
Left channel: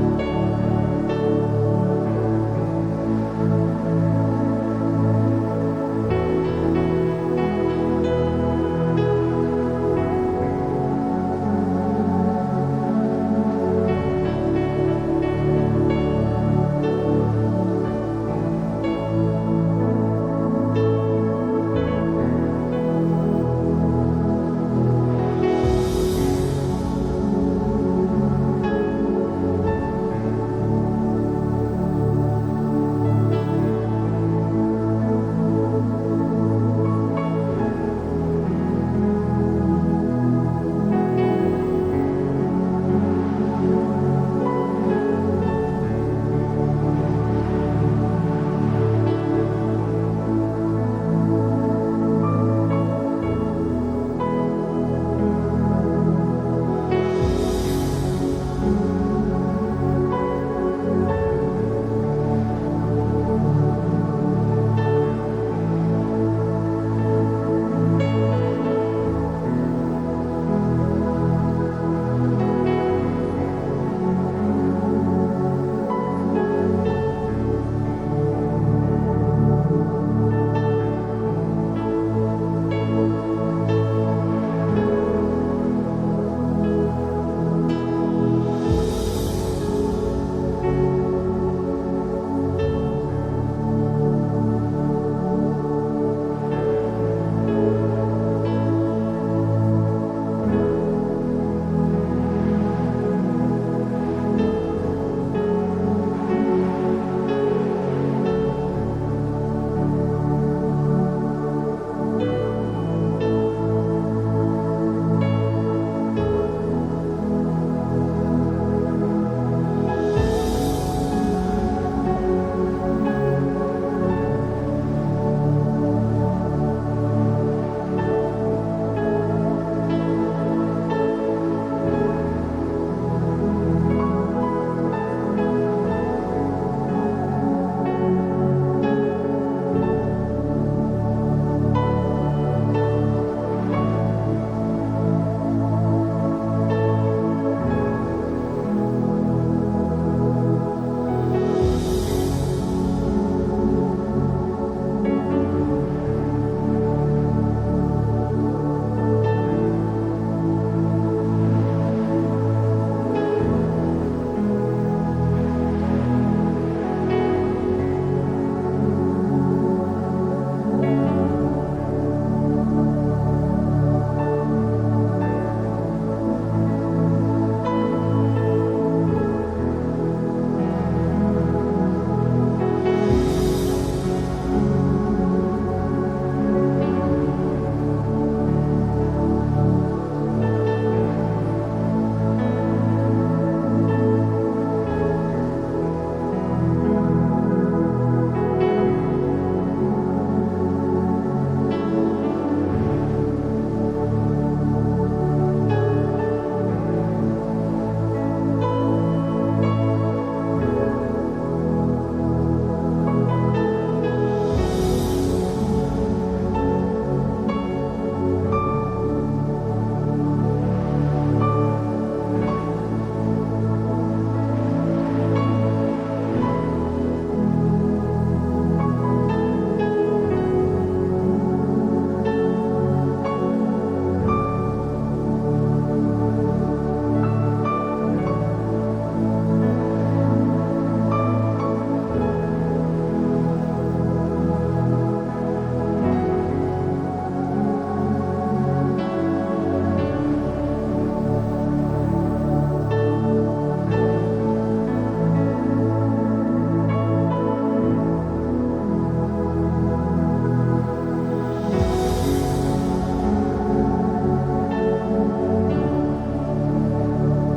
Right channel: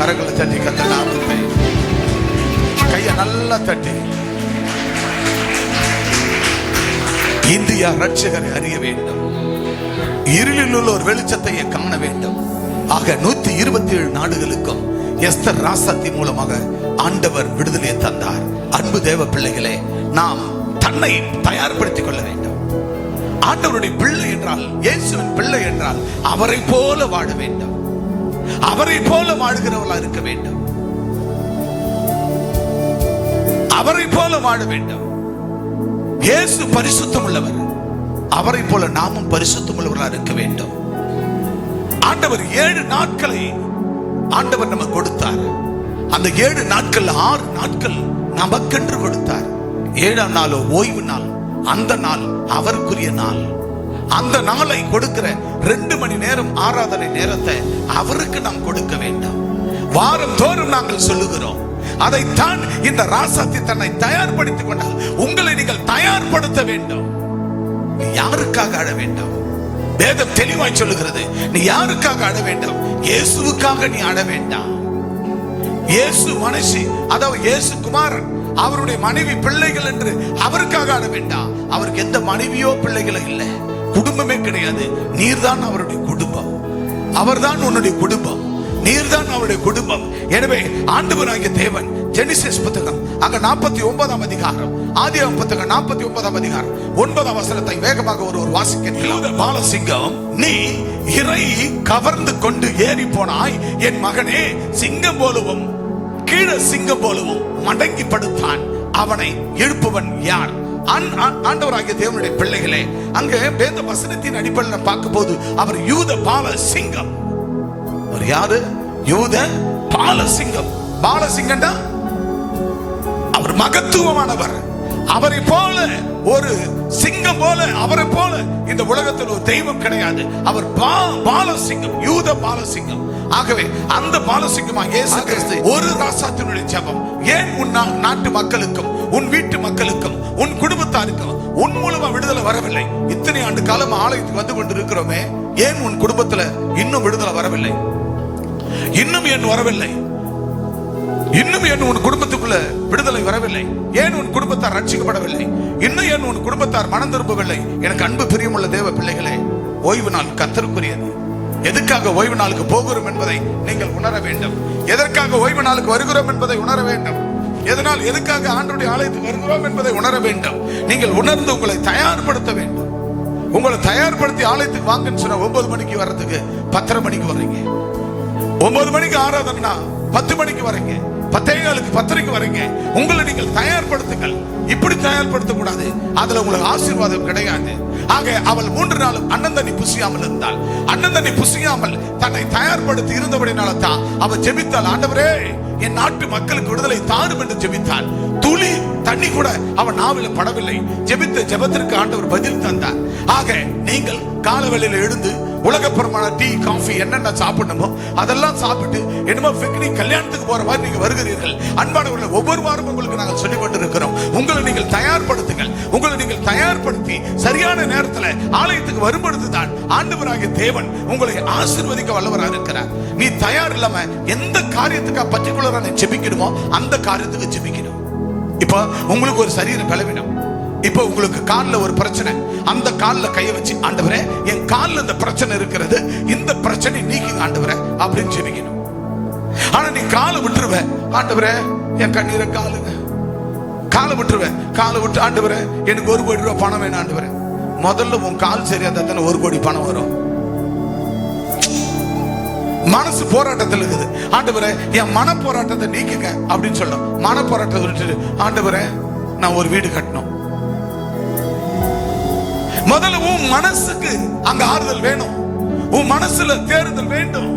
கரங்களை தட்டி கர்த்தர் நாமத்தை, கையை நல்லா தட்டி. இந்தியா ரட்சகரை அறிய வேண்டும், இருளில் உள்ள ஒரு வெளிச்சத்தை காண வேண்டும். ஆக 127 நாடுகளுக்கும் எஸ்தர் ராசாத்தி மூலமாக ஆண்டவர் விடுதலையை தந்தார். அன்பு தேவ பிள்ளைகளே, நாம் தன்னை தயார்படுத்திக் கொள்ள வேண்டும். ஆண்டவருடைய பிள்ளை என்றால், இயேசுவின் பிள்ளை என்றால் அவரை போல வாழ வேண்டும், அவரை போல வாழுகிறவர்களா இருக்க வேண்டும், அவரை போல வாழ வேண்டும். இயேசு பரிசுத்தம் உள்ளவர், அவரை போல நாமும் பரிசுத்தம் உள்ளவர்களா இருக்க வேண்டும். ஆண்டவர் 7 நாட்களை ஆண்டவர் நமக்கு கொடுத்தார். அந்த 7 நாட்கள் 6 நாட்கள் நமக்கென்று கொடுத்தார். 7ஆம் நாளோ ஓய்வு நாள், அந்த நாள் அவருக்குரிய நாள். அந்த நாளை கொடுக்கிற 2 மணி நேரம் ஆராதனை நேரத்தை அவருக்கு நாம் கொடுக்க வேண்டும். வாரம் தோறும் நாங்கள் சொல்லுகிறோம். அதைத்தான் இந்த ராசாத்தி தன்னை தயார்படுத்திக் கொண்டால் உங்களை நீங்கள் தயார்படுத்த வேண்டும். நீ யாருக்காக அழ வேண்டாம். வேதம் தெளிவாய் சொல்லுகிறது, நீ யாருக்காக அழ வேண்டாம், இயேசுவுக்காக நீ அழ வேண்டாம். இயேசு மனுஷி, அதாவது இயேசு குமாரன், அவருடைய மனைவி பிள்ளைகள் என்று அவருக்காக அழ வேண்டாம். அவருக்கு எந்த மனைவியோ பிள்ளைகளோ இல்லை, குடும்பமே கிடையாது. நீர்தான் அவருடைய குடும்பம், அவர்தான் உன்னுடைய குடும்பம், நீர்தான் அவருடைய குடும்பம். எனவே ஆண்டவராகிய தேவன் ஜெனிசிஸ் புத்தகம் அங்க 49ஆம் அதிகாரம், ஆதியாகமம் புத்தகம் 49ஆம் அதிகாரம் 9ஆம் வசனத்தை வேகமாக ஒருவர் வாசிக்க. பாலசிங்கம், நீ இறை கவர்ந்து கொண்டு ஏறி போனாய் என் மகனே, சிங்கம் போலவும் கீழே சிங்கம் போலவும் மடங்கி படுத்தான், அவனை எழுப்புவன் யார்? ஆண்டவராகிய தேவனுடைய பிள்ளைகளே, அங்க வேத வசனத்தின் அடிப்படையில் பார்க்கும் போது அவர் யூத பாலசிங்கம். அவர் யாரு? யூத பாலசிங்கம். பாலசிங்கம்டா அவர் மகத்துவமானவர். அவரை போல ஒரு சிங்கம் போல, அவரை போல இந்த உலகத்தில் ஒரு தெய்வம் கிடையாது. அவர் பாலசிங்கம், யூத பாலசிங்கம். ஆகவே அந்த பாலசிங்கமாக இயேசு கிறிஸ்து ஒரு ராசாத்தினுடைய ஜெபம் ஏன் உன் நாட்டு மக்களுக்கும் உன் வீட்டு மக்களுக்கும் உன் குடும்பத்தாருக்கும் உன் மூலமா விடுதலை வரவில்லை? இத்தனை ஆண்டு காலம் ஆலயத்துக்கு வந்து கொண்டு இருக்கிறோமே, ஏன் உன் குடும்பத்துல இன்னும் விடுதலை வரவில்லை? இன்னும் ஏன் வரவில்லை? இன்னும் ஏன் உன் குடும்பத்துக்குள்ள விடுதலை வரவில்லை? ஏன் உன் குடும்பத்தார் ரட்சிக்கப்படவில்லை? இன்னும் ஏன் உன் குடும்பத்தார் மனம் திரும்பவில்லை? எனக்கு அன்பு பிரியமுள்ள தேவ பிள்ளைகளே, ஓய்வு நாள் கர்த்தருக்குரியது. எதுக்காக ஓய்வு நாளுக்கு போகிறோம் என்பதை நீங்கள் உணர வேண்டும். எதற்காக ஓய்வு நாளுக்கு வருகிறோம் என்பதை உணர வேண்டும். எதனால் எதுக்காக ஆண்டவருடைய ஆலயத்துக்கு வருகிறோம் என்பதை உணர வேண்டும். நீங்கள் உணர்ந்து உங்களை தயார்படுத்த வேண்டும். உங்களை தயார்படுத்தி ஆலயத்துக்கு வாங்கன்னு சொன்ன 9 மணிக்கு வர்றதுக்கு 10:30 மணிக்கு வரீங்க. 9 மணிக்கு ஆராதனா 10 மணிக்கு வரீங்க, 10:15க்கு 10:30க்கு வரீங்க. உங்களை நீங்கள் தயார்படுத்துங்கள். இப்படி தயார்படுத்த கூடாது, அதுல உங்களுக்கு ஆசீர்வாதம் கிடையாது. ஆக அவள் 3 நாள் அண்ணன் தண்ணி புசியாமல் இருந்தாள். அண்ணன் தண்ணி புசியாமல் தன்னை தயார்படுத்தி இருந்தபடினால தான் அவள் ஜெபித்தாள். ஆண்டவரே, என் நாட்டு மக்களுக்கு விடுதலை தாரும் என்று ஜெபித்தாள். துளி தண்ணி கூட அவன் நாவில் படவில்லை. ஜெபித்த ஜெபத்திற்கு ஆண்டவர் பதில் தந்தார். ஆக நீங்கள் காலவேளையில எழுந்து உலகப்புறமான டீ, காஃபி என்னென்ன சாப்பிடணுமோ அதெல்லாம் சாப்பிட்டு என்னமோ பிக்னிக் கல்யாணத்துக்கு போற மாதிரி நீங்க வருகிறீர்கள். அன்பானவர்கள், ஒவ்வொரு வாரம் உங்களுக்கு நாங்கள் சொல்லிக் கொண்டிருக்கிறோம். உங்களை நீங்கள் தயார்படுத்துங்கள். உங்களை நீங்கள் தயார்படுத்தி சரியான நேரத்தில் ஆலயத்துக்கு வரும்பொழுதுதான் ஆண்டவராகிய தேவன் உங்களை ஆசீர்வதிக்க வல்லவராக இருக்கிறார். நீ தயார் இல்லாம எந்த காரியத்துக்காக பர்டிகுலரா நீ ஜெபிக்கணுமோ அந்த காரியத்துக்கு ஜெபிக்கணும். இப்ப உங்களுக்கு ஒரு சரீர பலவீனம், இப்ப உங்களுக்கு கால்ல ஒரு பிரச்சனை, அந்த கால்ல கையை வச்சு ஆண்டவரே, என் கால்ல இந்த பிரச்சனை இருக்கிறது, இந்த பிரச்சனை நீக்குங்க ஆண்டவரே அப்படின்னு ஜெபிக்கணும். ஆனா நீ காலை விட்டுருவ, ஆண்டவரே என் கண்ணீரை காலுங்க, காலை விட்டுருவ, காலை விட்டு ஆண்டவரே எனக்கு 1 கோடி ரூபாய் பணம் வேணும் ஆண்டவரே. முதல்ல உன் கால் சரியா தானே 1 கோடி பணம் வரும். மனசு போராட்டத்தில் இருக்குது. ஆண்டவரே என் மன போராட்டத்தை நீக்குங்க அப்படின்னு சொல்ல, மன போராட்டத்தை விட்டு ஆண்டவரே நான் ஒரு வீடு கட்டணும். முதல்ல உன் மனசுக்கு அங்க ஆறுதல் வேணும், உன் மனசுல தேறுதல் வேண்டும்,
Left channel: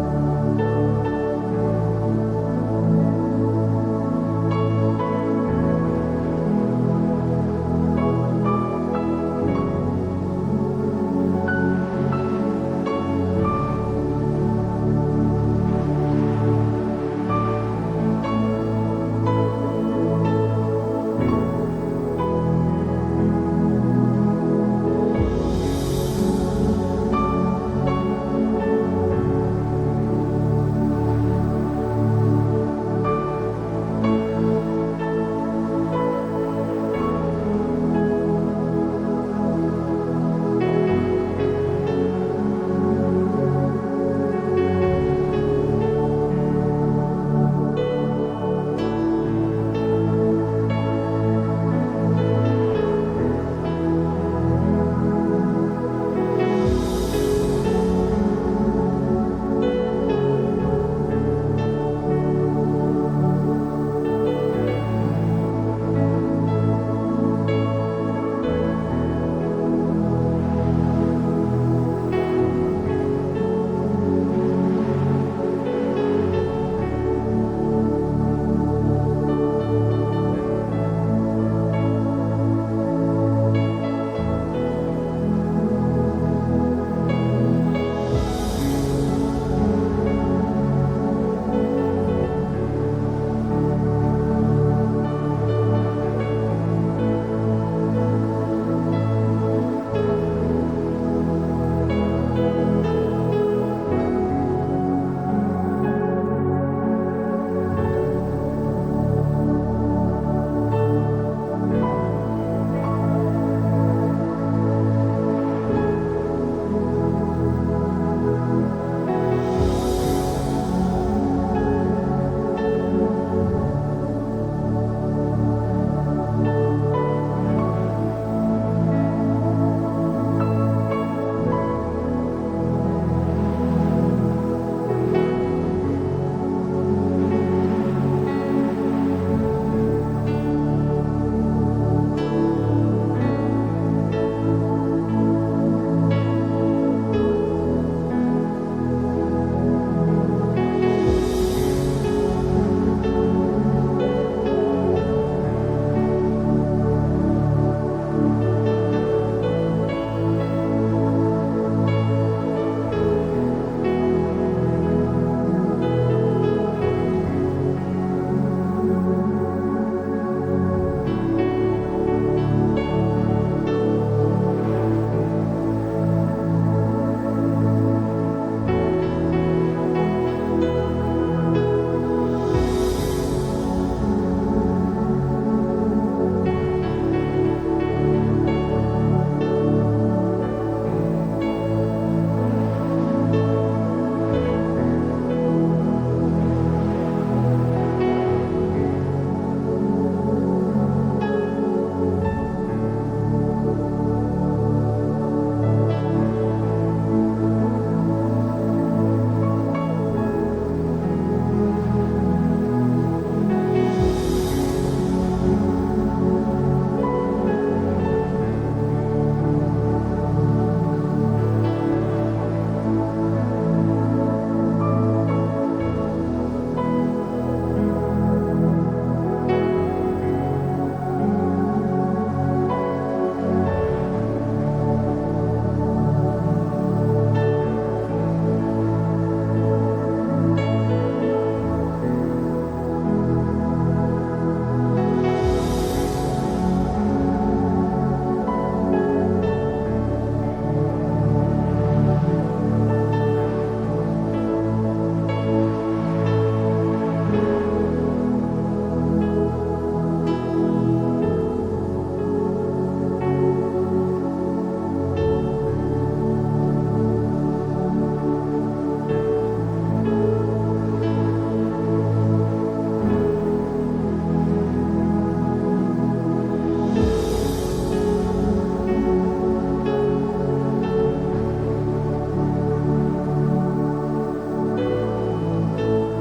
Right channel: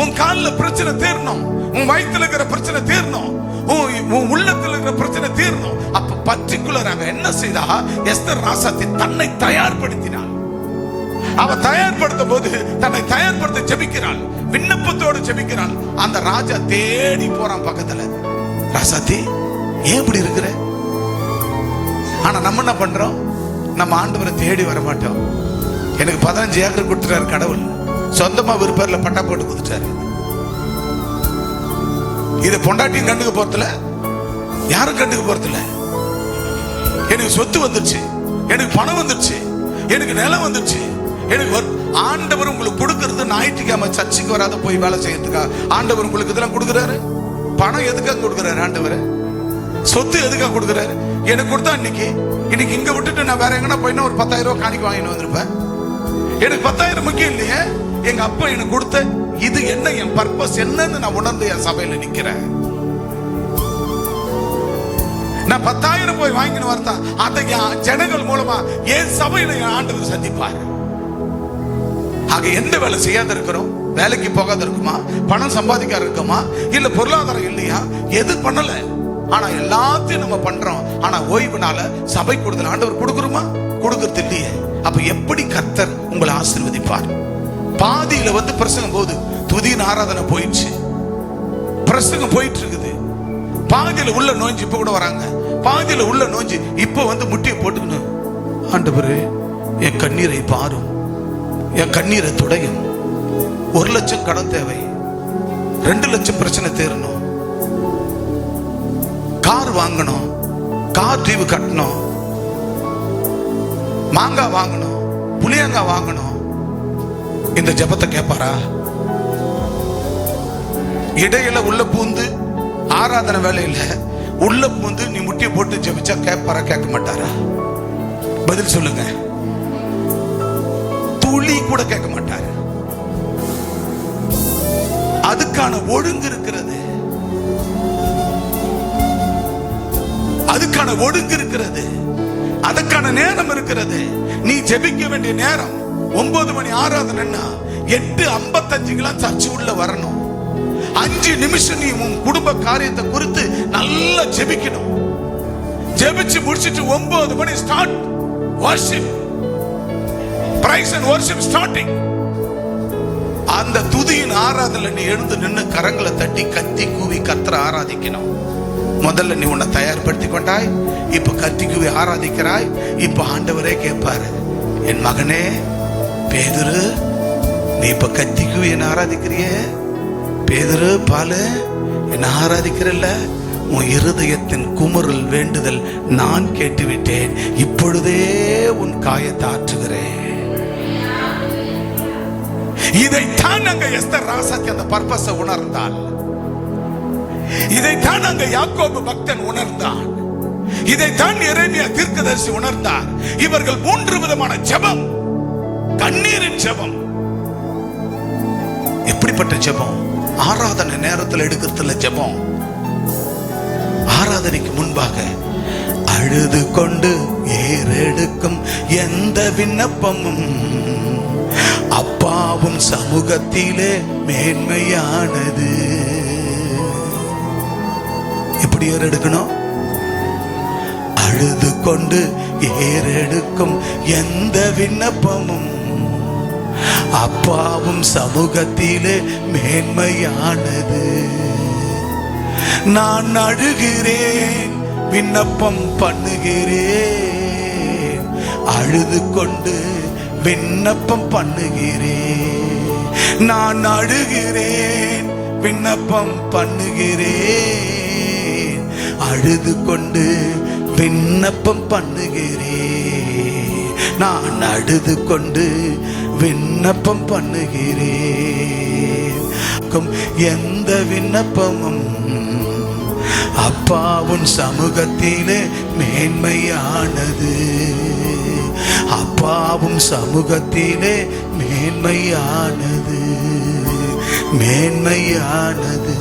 உன் கால்ல பிரச்சனை தீரணும், உன் வயிற்றுல இருக்கிற பிரச்சனை தீரணும், உன் உள்ளத்துல இருக்கிற பிரச்சனை தீரணும். அப்ப பர்டிகுலராக என்ன செய்தா எஸ்தர் ராசாத்தி தன்னை தயார்படுத்தினாள். அவ தயார்படுத்தும் போது தன்னை தயார்படுத்த ஜெபிக்கிறாள், விண்ணப்பத்தோடு ஜெபிக்கிறாள். அந்த ராஜா தேடி போறான் பக்கத்துல. ராசாத்தி ஏன் இப்படி இருக்கிற? ஆனா நம்ம என்ன பண்றோம்? நம்ம ஆண்டவரை தேடி வர மாட்டோம். எனக்கு 15 ஏக்கர் கொடுத்துட்டாரு கடவுள், சொந்தமா விருப்பம் பட்டா போட்டு கொடுத்துட்டாரு. இதை பொண்டாட்டியும் கண்டுக்க போறதுல, யாரும் கண்டுக்க போறதில்ல. எனக்கு சொத்து வந்துருச்சு, எனக்கு பணம் வந்துருச்சு, எனக்கு நிலம் வந்துருச்சு, எனக்கு ஆண்டவர் உங்களுக்கு கொடுக்கறது ஞாயிற்றுக்கிழமை சர்ச்சுக்கு வராத போய் வேலை செய்யறதுக்கா? ஆண்டவர் உங்களுக்கு இதெல்லாம் கொடுக்குறாரு. பணம் எதுக்காக கொடுக்குறாரு ஆண்டவர்? சொத்து எதுக்காக கொடுக்குறாரு? எனக்கு கொடுத்தா இன்னைக்கு இங்க விட்டுட்டு நான் வேற எங்கன்னா போயின்னா ஒரு 10,000 ரூபாய் காணிக்கு வாங்கிட்டு வந்திருப்பேன். எனக்கு 10,000 முக்கியம் இல்லையே. எங்க அப்பா எனக்கு கொடுத்த இது என்ன, என் பர்பஸ் என்னன்னு நான் உணர்ந்து என் சபையில நிக்கிறேன். நான் 10,000 போய் வாங்கிட்டு வரதா அந்த ஜனங்கள் மூலமா என் சபையில என் ஆண்டவர் சந்திப்பார். ஆக எந்த வேலை செய்யாத இருக்கிறோம்? வேலைக்கு போகாத இருக்குமா? பணம் சம்பாதிக்காத இருக்குமா? இல்ல பொருளாதாரம் இல்லையா? எது பண்ணல, ஆனா எல்லாத்தையும் நம்ம பண்றோம். ஆனா ஓய்வுனால சபை கொடுத்தல் ஆண்டவர் கொடுக்குறோமா? கொடுக்கறது இல்லையே. அப்ப எப்படி கர்த்தர் உங்களை ஆசீர்வதிப்பார்? பாதியில வந்து பிரசங்கம் போது துதியின் ஆராதனை போயிடுச்சு, பிரசங்கம் போயிட்டு இருக்குது. பாதியில உள்ள நோஞ்சி இப்ப கூட வராங்க, பாதியில உள்ள நோஞ்சி இப்ப வந்து முட்டியை போட்டுக்கணும். ஆண்டவரே என் கண்ணீரை பாரும், என் கண்ணீரை துடையும். 1 லட்சம் கடன் தேவை, 2 லட்சம் பிரச்சனை தேரணும், கார் வாங்கணும், கார் டிவி கட்டணும், மாங்காய் வாங்கணும், புளியங்காய் வாங்கணும். இந்த ஜெபத்தை கேட்பாரா? இடையில உள்ள பூந்து ஆராதனை வேலையில உள்ள பூந்து நீ முட்டியை போட்டு ஜெபிச்சா கேட்பாரா? கேட்க மாட்டாரா? பதில் சொல்லுங்க. துளி கூட கேட்க மாட்டார். அதுக்கான ஒழுங்கு இருக்கிறது, அதுக்கான ஒழுங்கு இருக்கிறது, அதுக்கான நேரம் இருக்கிறது. நீ ஜெபிக்க வேண்டிய நேரம் 9 மணி ஆராதனைன்னா 8:55 சர்ச்சு உள்ள வரணும். 5 நிமிஷம் நீ உன் குடும்ப காரியத்தை குறித்து நல்லா ஜெபிக்கணும். ஜெபிச்சு முடிச்சிட்டு 9 மணி start worship, praise and worship starting. அந்த துதியின் ஆராதனை நீ எழுந்து நின்று கரங்களை தட்டி கத்தி கூவி கர்த்தரை ஆராதிக்கணும். முதல்ல நீ உன்னை தயார்படுத்தி கொண்டாய், இப்ப கத்தி கூவி ஆராதிக்கிறாய். இப்ப ஆண்டவரே கேட்பாரு, என் மகனே பேதுரு, நீ இப்ப கத்தி கூவி என்ன ஆராதிக்கிறிய? பேதுரு பாலு, என்ன ஆராதிக்கிறல்ல? உன் இருதயத்தின் குமுறல் வேண்டுதல் நான் கேட்டுவிட்டேன், இப்பொழுதே உன் காயத்தை ஆற்றுகிறேன். இதைத்தான் அங்க எஸ்தர் ராசாத்தி அந்த பர்பஸை உணர்ந்தாள். இதைத்தான் அங்க யாக்கோபு பக்தன் உணர்ந்தான். இதைத்தான் எரேமியா தீர்க்கதரிசி உணர்ந்தார். இவர்கள் 3 விதமான ஜெபம், கண்ணீரின் ஜெபம். எப்படிப்பட்ட ஜெபம்? ஆராதனை நேரத்தில் எடுக்கிறதுல ஜெபம். ஆராதனைக்கு முன்பாக அழுது கொண்டு ஏறெடுக்கும் எந்த விண்ணப்பமும் அப்பாவும் சமூகத்திலே மேன்மையானது. எப்படி ஏறெடுக்கணும்? அழுது கொண்டு ஏறெடுக்கும் எந்த விண்ணப்பமும் அப்பாவும் சமூகத்திலே மேன்மையானது. நான் அழுகிறேன், விண்ணப்பம் பண்ணுகிறேன், அழுது கொண்டு விண்ணப்பம் பண்ணுகிறேன். நான் அழுகிறேன், விண்ணப்பம் பண்ணுகிறேன், அழுது கொண்டு விண்ணப்பம் பண்ணுகிறேன். நான் அழுது கொண்டு விண்ணப்பம் பண்ணுகிறேன். எந்த விண்ணப்பமும் அப்பாவின் சமூகத்திலே மேன்மையானது. அப்பாவும் சமூகத்திலே மேன்மையானது, மேன்மையானது,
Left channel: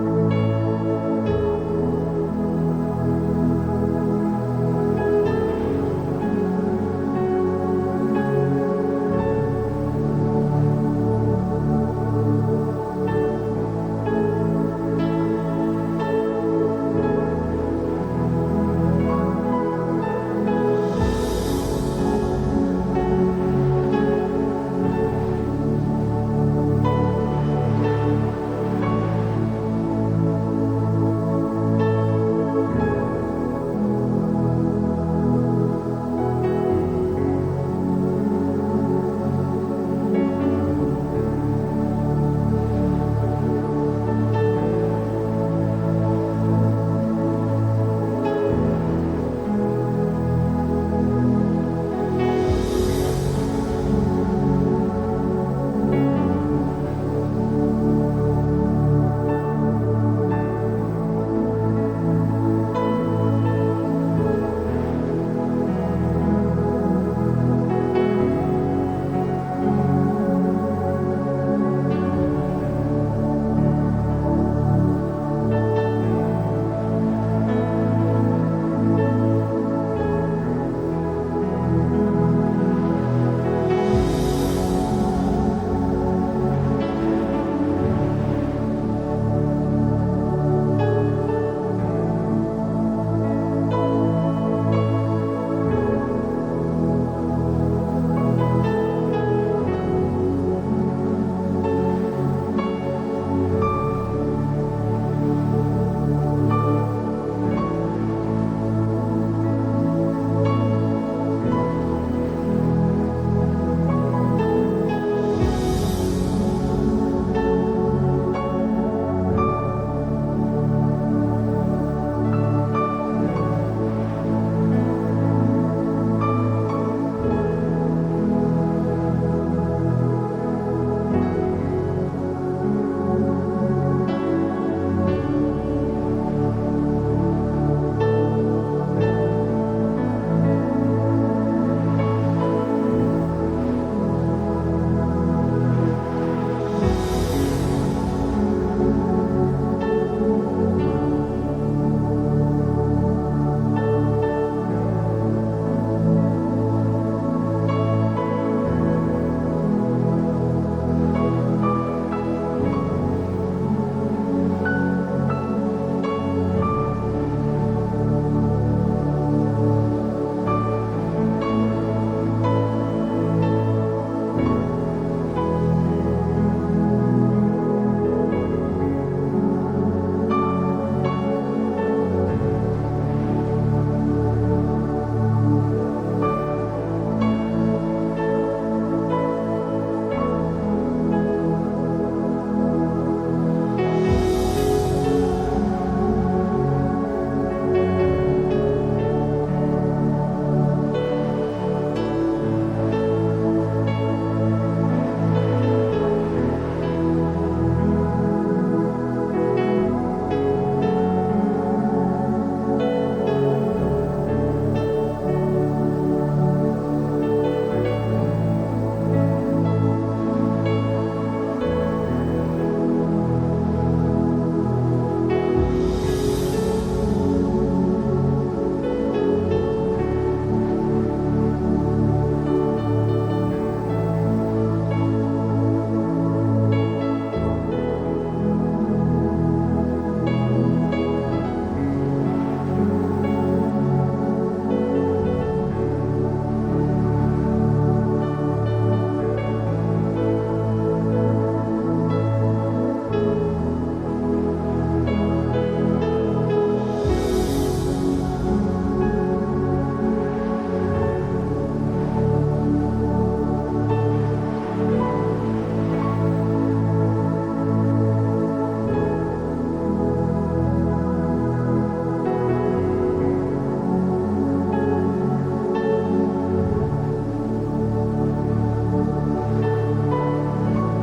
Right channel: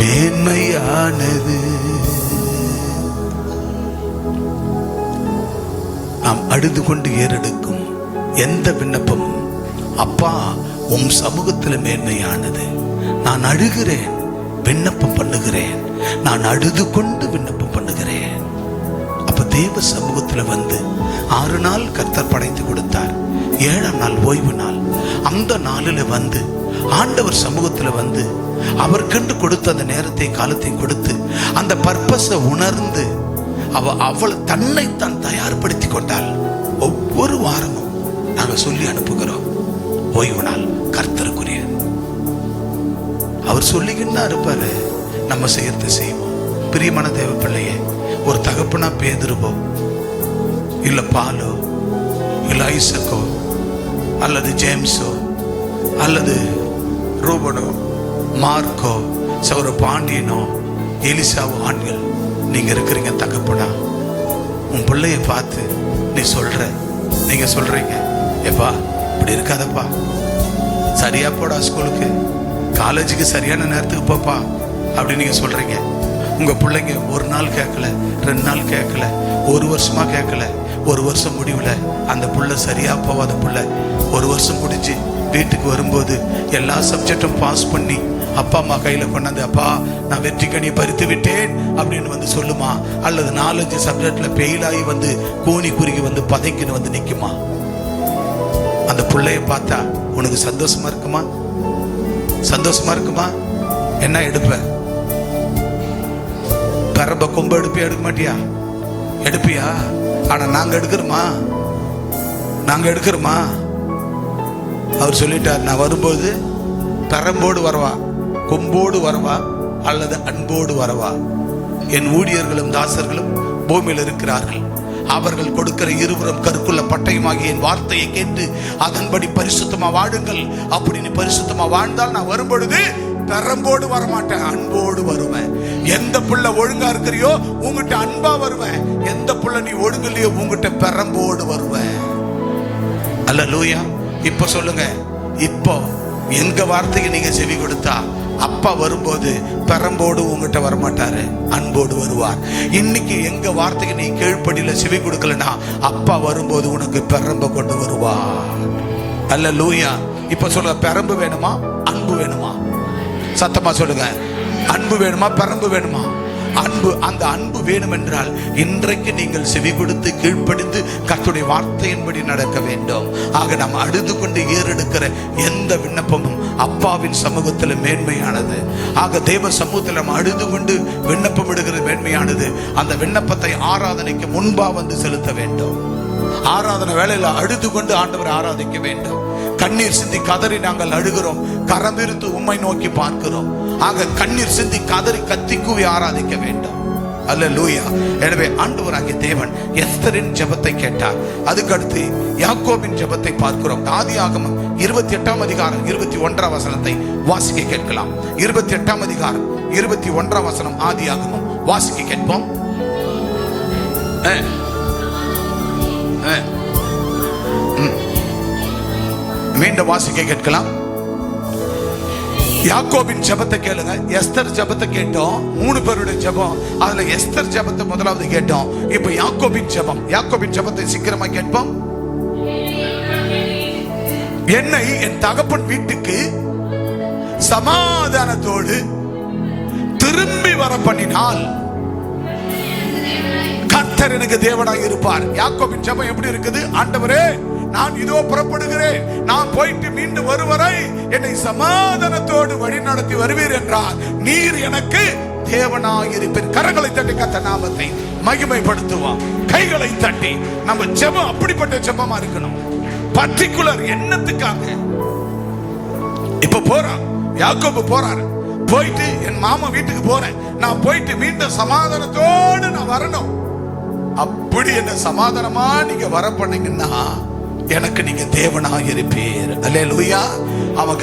மேன்மையானது. நாம் அழுது கொண்டு ஏறெடுக்கும் எந்த விண்ணப்பமும் அப்பா உம் சமூகத்தில் மேன்மையானது. நான் அழுகிறேன், விண்ணப்பம் பண்ணுகிறேன், நான் அழுது கொண்டு விண்ணப்பம் பண்ணுகிறேன். அப்ப தேவ சமூகத்தில் வந்து 6 நாள் கர்த்தர் படைத்து கொடுத்தார். 7ஆம் நாள் ஓய்வு நாள். அந்த நாளில் வந்து ஆண்டவர் சமூகத்தில் வந்து அவர் கண்டு கொடுத்த அந்த நேரத்தை காலத்தை கொடுத்து அந்த பர்பஸை உணர்ந்து அவள் தன்னைத்தான் தயார்படுத்தி கொண்டாள். ஒவ்வொரு வாரமும் நாங்கள் சொல்லி அனுப்புகிறோம், ஓய்வு நாள் கர்த்தருக்குரிய. அவர் சொல்லிக்கிட்டு தான் இருப்பாரு, நம்ம செய்யறது செய்வோம். பிரியமான தேவ பிள்ளையே, ஒரு தகப்பனா பேதுருவோ இல்ல பாலோ இல்ல ஐசக்கோ அல்லது ஜேம்ஸோ அல்லது ரூபனோ மார்க்கோ சௌர பாண்டியனோ எலிசாவோ ஆண்கள் நீங்க இருக்கிறீங்க. தகப்பனா உன் பிள்ளைய பார்த்து நீங்க சொல்றீங்க, ஏப்பா இப்படி இருக்காதப்பா, சரியா போடா ஸ்கூலுக்கு, காலேஜுக்கு சரியான நேரத்துக்கு போப்பா அப்படி நீங்க சொல்றீங்க. உங்க பிள்ளைங்க ஒரு நாள் கேட்கல, 2 நாள் கேட்கல, 1 வருஷமா கேட்கல. 1 வருஷம் முடிவுல அந்த புள்ள சரியா போவாத புள்ள 1 வருஷம் முடிஞ்சு வீட்டுக்கு வரும்போது எல்லா சப்ஜெக்டும் பாஸ் பண்ணி அப்பா அம்மா கையில கொண்டாந்து, அப்பா நான் வெற்றி கனி பறித்து விட்டேன் அப்படின்னு வந்து சொல்லுமா? அல்லது 4-5 சப்ஜெக்ட்ல ஃபெயில் ஆகி வந்து கூனி குறுகி வந்து பதைக்குன்னு வந்து நிக்குமா? அந்த பிள்ளைய பார்த்தா உனக்கு சந்தோஷமா இருக்குமா? சந்தோஷமா இருக்குமா? என்ன எடுப்ப? பரம்ப கொம்ப எடுப்பியா? எடுக்க மாட்டியா? எடுப்பியா? ஆனா நாங்க எடுக்கிறோமா? அவர் சொல்லிட்டார், நான் வரும்போது பரம்போடு வரவா, கொம்போடு வரவா அல்லது அன்போடு வரவா? என் ஊழியர்களும் தாசர்களும் பூமியில் இருக்கிறார்கள், அவர்கள் கொடுக்கிற இருவரும் கருக்குள்ள பட்டயமாகி என் வார்த்தையை கேட்டு அதன்படி பரிசுத்தமா வாழுங்கள். அப்படின்னு பரிசுத்தமா வாழ்ந்தால் நான் வரும்பொழுது பரம்போடு வரமாட்டேன், அன்போடு வருவேன். எந்த புள்ள ஒழுங்கா இருக்கிறியோ உங்ககிட்ட அன்பா வருவேன், எந்த புள்ள நீ ஒழுங்கலையோ உங்ககிட்ட பரம்போடு வருவேன். அல்லேலூயா. இப்ப சொல்லுங்க, இப்போ எங்க வார்த்தைக்கு நீங்க செவி கொடுத்தா அப்பா வரும்போது பரம்போடு உங்ககிட்ட வரமாட்டாரு, அன்போடு வருவார். இன்னைக்கு எங்க வார்த்தைக்கு நீ கீழ்ப்படியில செவி கொடுக்கலனா அப்பா வரும்போது உனக்கு பெரம்ப கொண்டு வருவார். அல்லேலூயா. இப்ப சொல்லுங்க, பெரம்பு வேணுமா அன்பு வேணுமா? சத்தமா சொல்லுங்க, அன்பு வேணுமா பெரம்பு வேணுமா? அன்பு. அந்த அன்பு வேணும் என்றால் இன்றைக்கு நீங்கள் செவி கொடுத்து கீழ்ப்படிந்து கர்த்தருடைய வார்த்தையின்படி நடக்க வேண்டும். ஆக நாம் அழுது கொண்டு ஏறெடுக்கிற எந்த விண்ணப்பமும் அப்பாவின் சமூகத்தில் மேன்மையானது. ஆக தேவ சமூகத்தில் நம்ம அழுது கொண்டு விண்ணப்பம் எடுக்கிறது மேன்மையானது. அந்த விண்ணப்பத்தை ஆராதனைக்கு முன்பா வந்து செலுத்த வேண்டும். ஆராதனை வேளையில அழுது கொண்டு ஆண்டவரை ஆராதிக்க வேண்டும். கண்ணீர் சிந்தி கதறி நாங்கள் அழுகிறோம், கரம் விரித்து உம்மை நோக்கி பார்க்கிறோம். ஆக கண்ணீர் சிந்தி கதறி கத்தி கூவி ஆராதிக்க வேண்டும். அல்லேலூயா. எனவே ஆண்டவராகிய தேவன் எஸ்தரின் ஜெபத்தை கேட்டார். அதுக்கு அடுத்து யாக்கோபின் ஜெபத்தை பார்க்கிறோம். ஆதியாகமம் 28ஆம் அதிகாரம் 21ஆம் வசனத்தை வாசிக்க கேட்கலாம். 28ஆம் அதிகாரம் 21ஆம் வசனம் ஆதியாகமம் வாசிக்க கேட்போம். மீண்டும் வாசிக்க கேட்கலாம். யாக்கோபின் ஜெபத்தை கேளுங்க. எஸ்தர் ஜெபத்தை கேட்டோம், 3 பேருடைய ஜெபம். அதுல எஸ்தர் ஜெபத்தை முதலாவது கேட்டோம். இப்ப யாக்கோபின் ஜெபம். யாக்கோபின் ஜெபத்தை சீக்கிரமா கேட்போம். என்னை என் தகப்பன் வீட்டுக்கு சமாதானத்தோடு திரும்பி வர பண்ணினால் கர்த்தர் எனக்கு தேவனாய் இருப்பார். யாக்கோபின் ஜெபம் எப்படி இருக்குது? ஆண்டவரே, நான் இதோ புறப்படுகிறேன், நான் போயிட்டு மீண்டும் வருவரை என்னை சமாதானத்தோடு வழி நடத்தி வருவீர் என்றார். நீர் எனக்கு தேவனாய் இருப்பீர். கரங்களை தட்டி கர்த்தர் நாமத்தை மகிமைப்படுத்துவான். கைகளை தட்டி. நம்ம ஜெபம் அப்படிப்பட்ட ஜெபமா இருக்கணும். பர்டிகுலர் எண்ணத்துக்காக. இப்ப போறான் யாக்கோபு, போறாரு. போயிட்டு என் மாமா வீட்டுக்கு போறேன், நான் போயிட்டு மீண்டும் சமாதானத்தோடு நான் வரணும். அப்படி என்ன சமாதானமா நீங்க வர பண்ணீங்கன்னா எனக்கு நீங்க தேவனாய் இருப்பீர். அல்லேலூயா.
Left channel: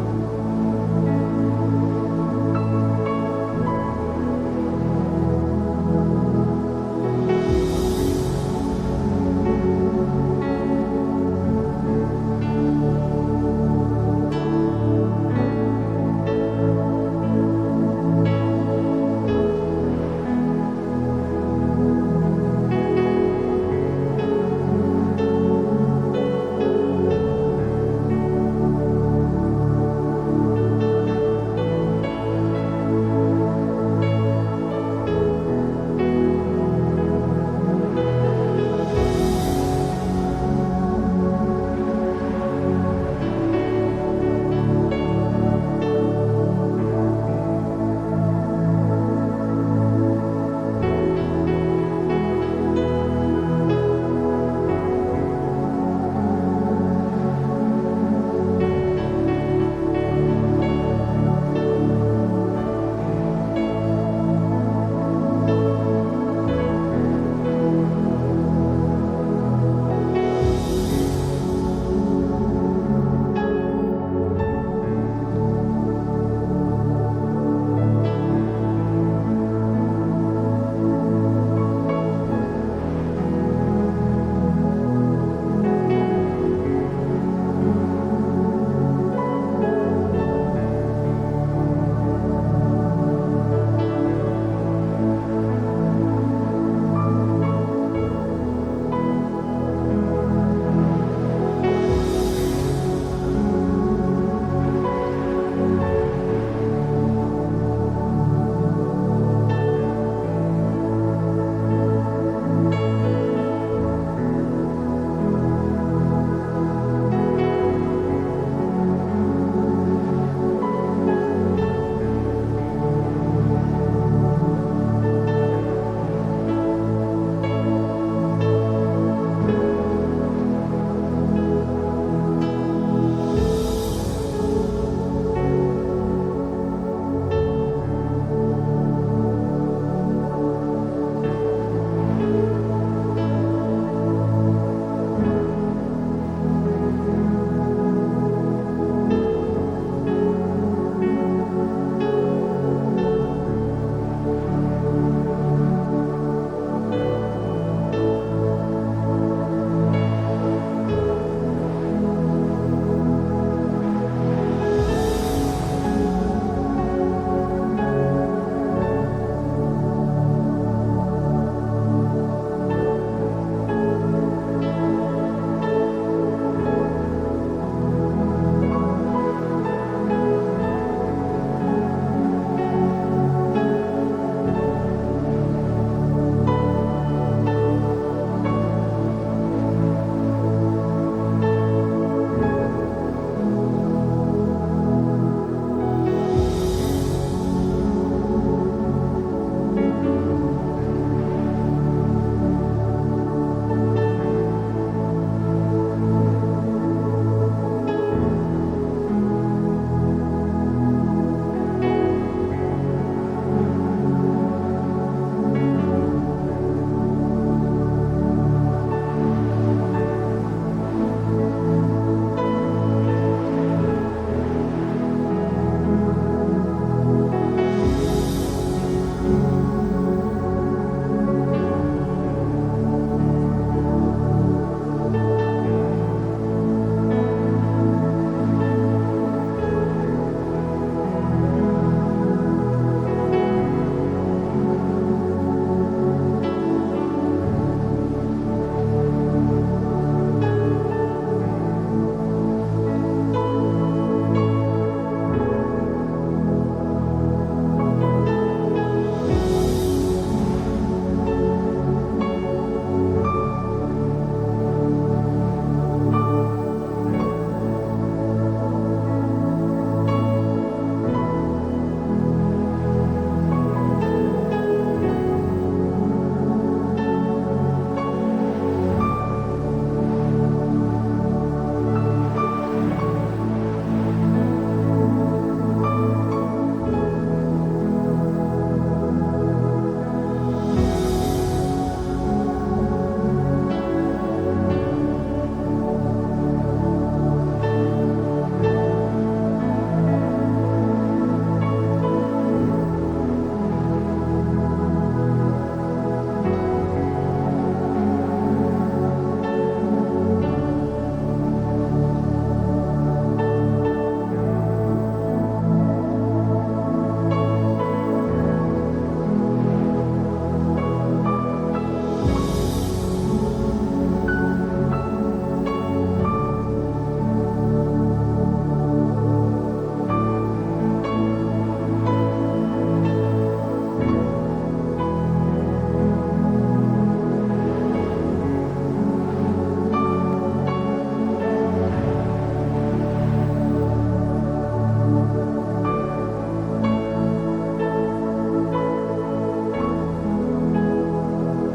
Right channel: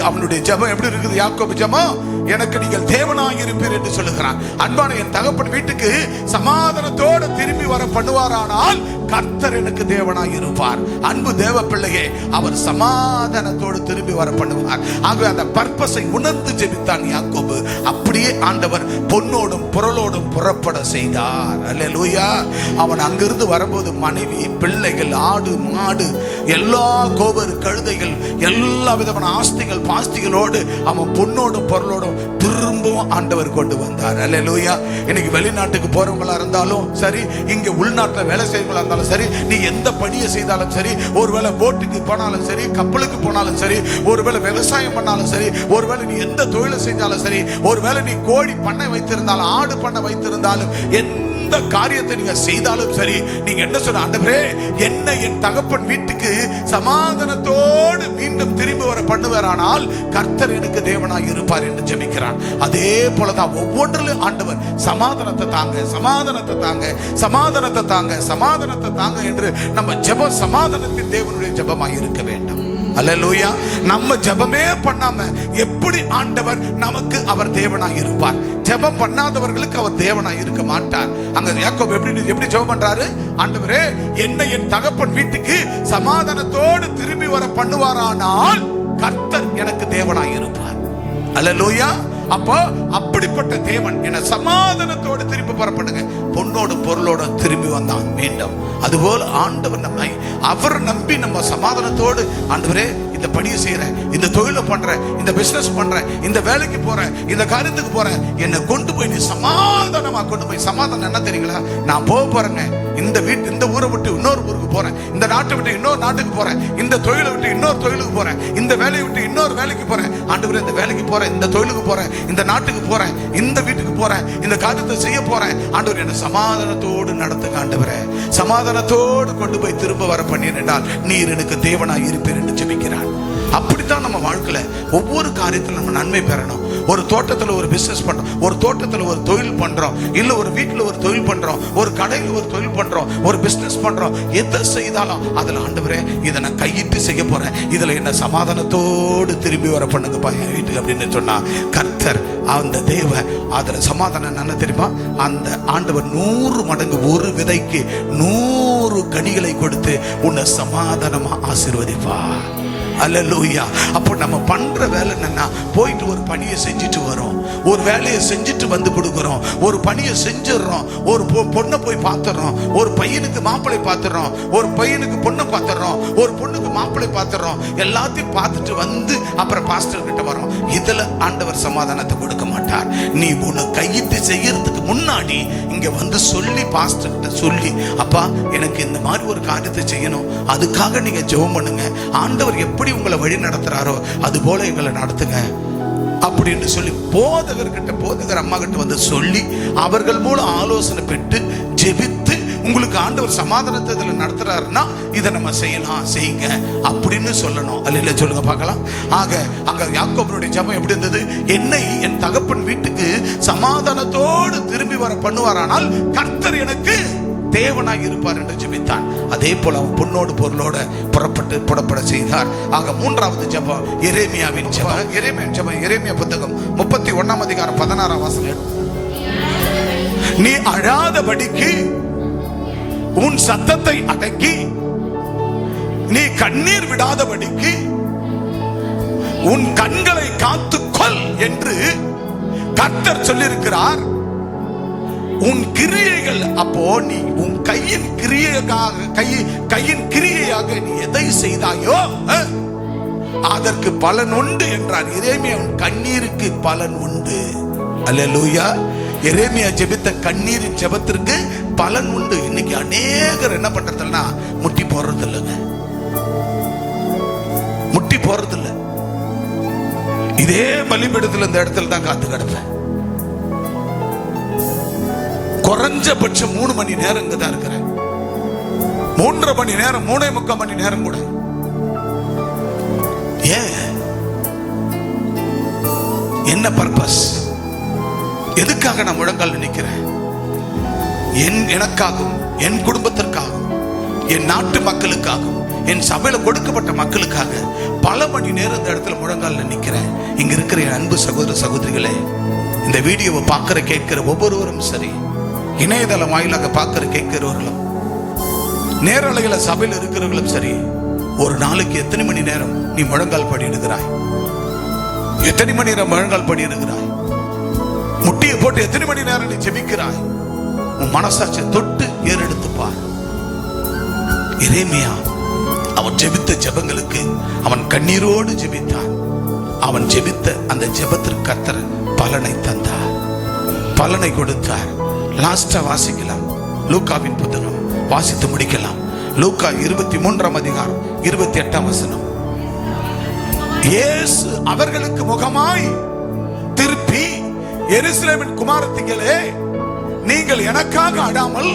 அவனுடைய ஜெபம் எப்படி இருக்குது? யாக்கோபு ஜெபம், எனக்கு நீங்கள் தேவனாய் இருப்பீர் என்று சொல்லுகிறான். அன்பான என் தகப்பன் வீட்டுக்கு சமாதானத்தோடு திரும்பி வர பண்ணுவாரானால் கர்த்தர் எனக்கு தேவனாய் இருப்பார். அன்பு தேவ பிள்ளையே, அவர் சமாதானத்தோடு திரும்பி வர பண்ணுவார். ஆகவே அந்த பர்பஸை உணர்ந்து ஜெபித்தான் யாக்கோபு. அப்படியே ஆண்டவர் பொன்னோடும் பொருளோடும் புறப்பட செய்தார். அல்லேலூயா. அவன் அங்கிருந்து வரும்போது மனைவி, பிள்ளைகள், ஆடு, மாடு, எல்லா கோபர், கழுதைகள், எல்லா விதமான ஆஸ்திகள் பாஸ்திகளோடு அவன் பொன்னோடும் பொருளோடும் திரும்ப வரைக்கும் ஆண்டவர் கொண்டு வந்தார். அல்லேலூயா. இன்னைக்கு வெளிநாட்டுக்கு போறவங்களா இருந்தாலும் சரி, இங்க உள்நாட்டுல வேலை செய்யறவங்களா இருந்தாலும் சரி, நீ எந்த படியை செய்தாலும் சரி, ஒருவேளை போட்டுக்கு போனாலும் சரி, கப்பலுக்கு போனாலும் சரி, ஒருவேளை விவசாயம் பண்ணாலும் சரி, ஒருவேளை நீ எந்த தொழிலை செஞ்சாலும் சரி, ஒருவேளை நீ கோழி பண்ணை வைத்திருந்தாலும் ஆடு பண்ணை வைத்திருந்தாலும் எந்த காரியத்தை நீங்க செய்தாலும் சரி, நீங்க என்ன சொல்ற, ஆண்டவரே என்னை என் தகப்பன் வீட்டுக்கு சமாதானத்தோடு மீண்டும் திரும்பி வர பண்ணுவாரானால் கர்த்தர் எனக்கு தேவனாய் இருப்பார் என்று ஜெபிக்கிறான். அதே போலதான் ஒவ்வொன்றிலும் ஆண்டவர் சமாதானத்தை தாங்க, சமாதானத்தை தாங்க, சமாதானத்தை தாங்க, சமாதானத்தை தாங்க என்று நம்ம ஜெபம் சமாதானத்தின் தேவனுடைய ஜெபமாய் இருக்க வேண்டும். அல்லேலூயா. நம்ம ஜெபமே பண்ணாம எப்படி ஆண்டவர் நமக்கு அவர் தேவனாய் இருப்பார்? ஜெபம் பண்ணாதவர்களுக்கு அவர் தேவனாய் இருக்க மாட்டார். அங்க யாக்கோபு எப்படி ஜெபம் பண்றாரு? ஆண்டவரே என்னை என் தகப்பன் வீட்டுக்கு சமாதானத்தோடு திரும்பி வர பண்ணுவாரானால் கர்த்தர் எனக்கு தேவனாய் இருப்பார். அல்லேலூயா. அப்போ அப்படிப்பட்ட தேவன் என்ன சமாதானத்தோடு திரும்பி வர பண்ணுங்க. பொன்னோடு பொருளோடு திரும்பி வந்தான் மீண்டும். அதுபோல ஆண்டவர் நம்மை அவர் நம்பி நம்ம சமாதானத்தோடு, ஆண்டவரே இந்த படியை செய்யறேன், இந்த தொழிலை பண்றேன், இந்த பிசினஸ் பண்றேன், இந்த வேலைக்கு போறேன், இந்த காரியத்துக்கு போறேன், என்னை கொண்டு போய் நீ சமாதானமா கொண்டு போய். சமாதானம் என்ன தெரியுங்களா? நான் போக போறேங்க, இந்த ஊரை விட்டு இன்னொரு ஊருக்கு போறேன், இந்த நாட்டை விட்டு இன்னொரு நாட்டுக்கு போறேன், இந்த தொழிலை விட்டு இன்னொரு தொழிலுக்கு போறேன், இந்த வேலையை விட்டு இன்னொரு வேலைக்கு போறேன். ஆண்டவரே இந்த வேலைக்கு போறேன், இந்த தொழிலுக்கு போறேன், இந்த நாட்டுக்கு போறேன், இந்த வீட்டுக்கு போறேன், இந்த காரியத்தை செய்ய போறேன். ஆண்டவர் என்ன சமாதானத்தோடு நடத்துங்க. ஆண்டவரே சமாதானத்தோடு கொண்டு போய் திரும்ப வர பண்ணினால் நீர் எனக்கு தேவனாய் இருப்பீர் என்று ஜெபிக்கிறான். அப்படித்தான் நம்ம வாழ்க்கையில ஒவ்வொரு காரியத்திலும் நம்ம நன்மை பெறணும். ஒரு தோட்டத்துல ஒரு பிசினஸ் பண்றோம், ஒரு தோட்டத்துல ஒரு தொழில் பண்றோம், இல்ல ஒரு வீட்டுல ஒரு தொழில் பண்றோம், ஒரு கடையில் ஒரு தொழில் பண்றோம், ஒரு பிசினஸ் பண்றோம். எதை செய்தாலும் அதுல ஆண்டவரே இதை நான் கையிட்டு செய்ய போறேன், இதுல என்ன சமாதானத்தோடு திரும்பி வர பண்ணுங்கப்பா என் வீட்டுக்கு அப்படின்னு சொன்னா கர்த்தர் அந்த தேவ அதுல சமாதானம் என்ன தெரியுமா? அந்த ஆண்டவர் 100 மடங்கு ஒரு விதைக்கு 100 கனிகளை கொடுத்து உன்னை சமாதானமா ஆசீர்வதிப்பார். அல்லேலூயா. அப்போ நம்ம பண்ற வேலை என்னன்னா, போயிட்டு ஒரு பணியை செஞ்சுட்டு வரோம், ஒரு வேலையை செஞ்சுட்டு வந்து கொடுக்குறோம், ஒரு பணியை செஞ்சிடறோம், ஒரு பொண்ணை போய் பார்த்துடுறோம், ஒரு பையனுக்கு மாப்பிள்ளை பார்த்துடுறோம், ஒரு பையனுக்கு பொண்ணை பார்த்துடுறோம், ஒரு பொண்ணுக்கு மாப்பிள்ளை பார்த்துடுறோம், எல்லாத்தையும் பார்த்துட்டு வந்து அப்புறம் பாஸ்டர் கிட்ட வரோம். இதுல ஆண்டவர் சமாதானத்தை கொடுக்க மாட்டார். நீ ஒண்ணு கையிட்டு செய்யறதுக்கு முன்னாடி இங்க வந்து சொல்லி, பாஸ்டர் கிட்ட சொல்லி, அப்பா எனக்கு இந்த மாதிரி ஒரு காரியத்தை செய்யணும், அதுக்காக நீங்க ஜெபம் பண்ணுங்க, ஆண்டவர் எப்படி உங்களை வழி நடத்துறாரோ அது போல எங்களை நடத்துங்க அப்படின்னு சொல்லி போதகர்கிட்ட, போதகர் அம்மா கிட்ட வந்து சொல்லி அவர்கள் மூலம் ஆலோசனை பெற்று ஜெபித்து, உங்களுக்கு ஆண்டவர் சமாதானத்தை இதுல நடத்துறாருன்னா இதை நம்ம செய்யலாம், செய்யுங்க அப்படின்னு சொல்லணும். அல்ல சொல்லுங்க பார்க்கலாம். ஆக அங்க யாக்கோபுடைய ஜெபம் எப்படி இருந்தது? என்னை என் தகப்பன் வீட்டுக்கு சமாதானத்தோடு திரும்பி வர பண்ணுவாரானால் கர்த்தர் எனக்கு தேவனாய் இருப்பார் என்று ஜெபித்தான். அதே போல அவன் பொன்னோடு பொருளோடு புறப்பட செய்தார். ஆக 3வது ஜெபம் எரேமியாவின் ஜெபம். எரேமியா புத்தகம் 31ஆம் அதிகாரம் 16ஆம் வசனம். நீ அழாதபடிக்கு உன் சத்தத்தை அடக்கி, நீ கண்ணீர் விடாதபடிக்கு உன் கண்களை காத்துக்கொள் என்று கர்த்தர் சொல்லியிருக்கிறார். உன் கிரியைகள், அப்போ நீ உன் கையின் கிரியையாக நீ எதை செய்தாயோ அதற்கு பலன் உண்டு என்றார். எரேமியா உன் கண்ணீருக்கு பலன் உண்டு. அல்லேலூயா. எரேமியா ஜெபித்த கண்ணீரின் ஜெபத்திற்கு பலன் உண்டு. இன்னைக்கு அநேகர் என்ன பண்றதுன்னா முட்டி போடுறது இல்லைங்க, முட்டி போடுறது இல்லை. இதே பலிபீடத்தில் இந்த இடத்துல தான் காத்து கிடப்பேன். குறைஞ்சபட்சம் 3 மணி நேரம் இங்க தான் இருக்கிறேன். 3.5 மணி நேரம், 3.25 மணி நேரம் கூட. ஏன்? என்ன பர்பஸ்? எதுக்காக நான் முழங்கால் நிக்கிறேன்? எனக்காகவும், என் குடும்பத்திற்காகவும், என் நாட்டு மக்களுக்காகவும், என் சபையில கொடுக்கப்பட்ட மக்களுக்காக பல மணி நேரம் இந்த இடத்துல முழங்கால் நிக்கிறேன். இங்க இருக்கிற என் அன்பு சகோதர சகோதரிகளே, இந்த வீடியோவை பார்க்கிற கேட்கிற ஒவ்வொருவரும் சரி, இணையதளம் வாயிலாக பார்க்கிற கேட்கிறவர்களும், நேரலையில சபையில் இருக்கிறவர்களும் சரி, ஒரு நாளைக்கு எத்தனை மணி நேரம் நீ முழங்கால் படிடுகிறாய்? எத்தனை மணி நேரம் முழங்கால் படிடுகிறாய்? முட்டியை போட்டு எத்தனை மணி நேரம் நீ ஜெபிக்கிறாய்? உன் மனசாட்சியை தொட்டு ஏறெடுத்து பார். எரேமியா அவன் ஜெபித்த ஜெபங்களுக்கு அவன் கண்ணீரோடு ஜெபித்தான். அவன் ஜெபித்த அந்த ஜெபத்திற்கு கர்த்தர் பலனை தந்தார், பலனை கொடுத்தார். லாஸ்டா வாசிக்கலாம், லூக்காவின் புத்தகம் வாசித்து முடிக்கலாம். லூக்கா 23ஆம் அதிகாரம் 28ஆம் வசனம். இயேசு அவர்களுக்கு முகமாய் திருப்பி, எருசலேமின் குமாரத்திகளே, நீங்கள் எனக்காக அழாமல்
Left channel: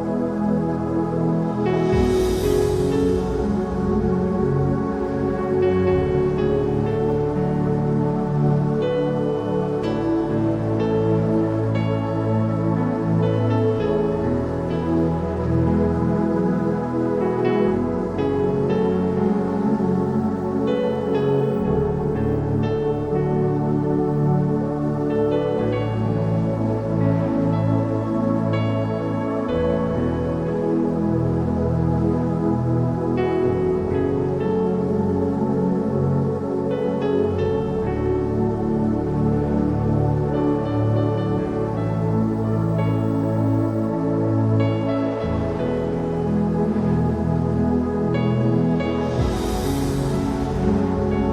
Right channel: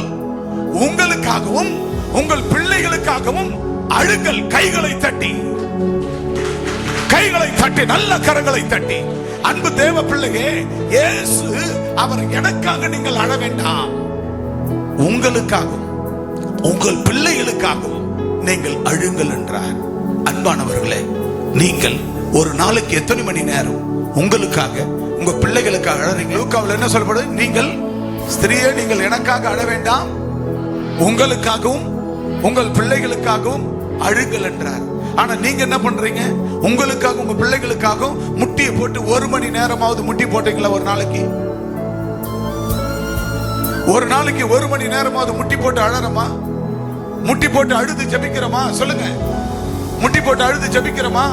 உங்களுக்காகவும் உங்கள் பிள்ளைகளுக்காகவும் அழுங்கள். கைகளை தட்டி, கைகளை தட்டி, நல்ல கரங்களை தட்டி. அன்பு தேவ பிள்ளையே, இயேசு அவர் எனக்காக நீங்கள் அழ வேண்டாம், உங்களுக்காகவும் உங்கள் பிள்ளைகளுக்காகவும் நீங்கள் அழுங்கள் என்றார். அன்பானவர்களே, நீங்கள் ஒரு நாளைக்கு எத்தனை மணி நேரம் உங்களுக்காக உங்க பிள்ளைகளுக்காக அழறீங்க? லூக்காவில் என்ன சொல்லப்படுது? நீங்கள் ஸ்திரீயே, நீங்கள் எனக்காக அழ வேண்டாம், உங்களுக்காகவும் உங்கள் பிள்ளைகளுக்காகவும் அழுங்கள் என்றார். ஆனா நீங்க என்ன பண்றீங்க? உங்களுக்காக உங்க பிள்ளைகளுக்காகவும் முட்டியை போட்டு 1 மணி நேரமாவது முட்டி போட்டீங்களா? ஒரு நாளைக்கு 1 மணி நேரமாவது முட்டி போட்டு அழறமா? முட்டி போட்டு அழுது ஜெபிக்கிறோமா? சொல்லுங்க, முட்டி போட்டு அழுது ஜெபிக்கிறோமா?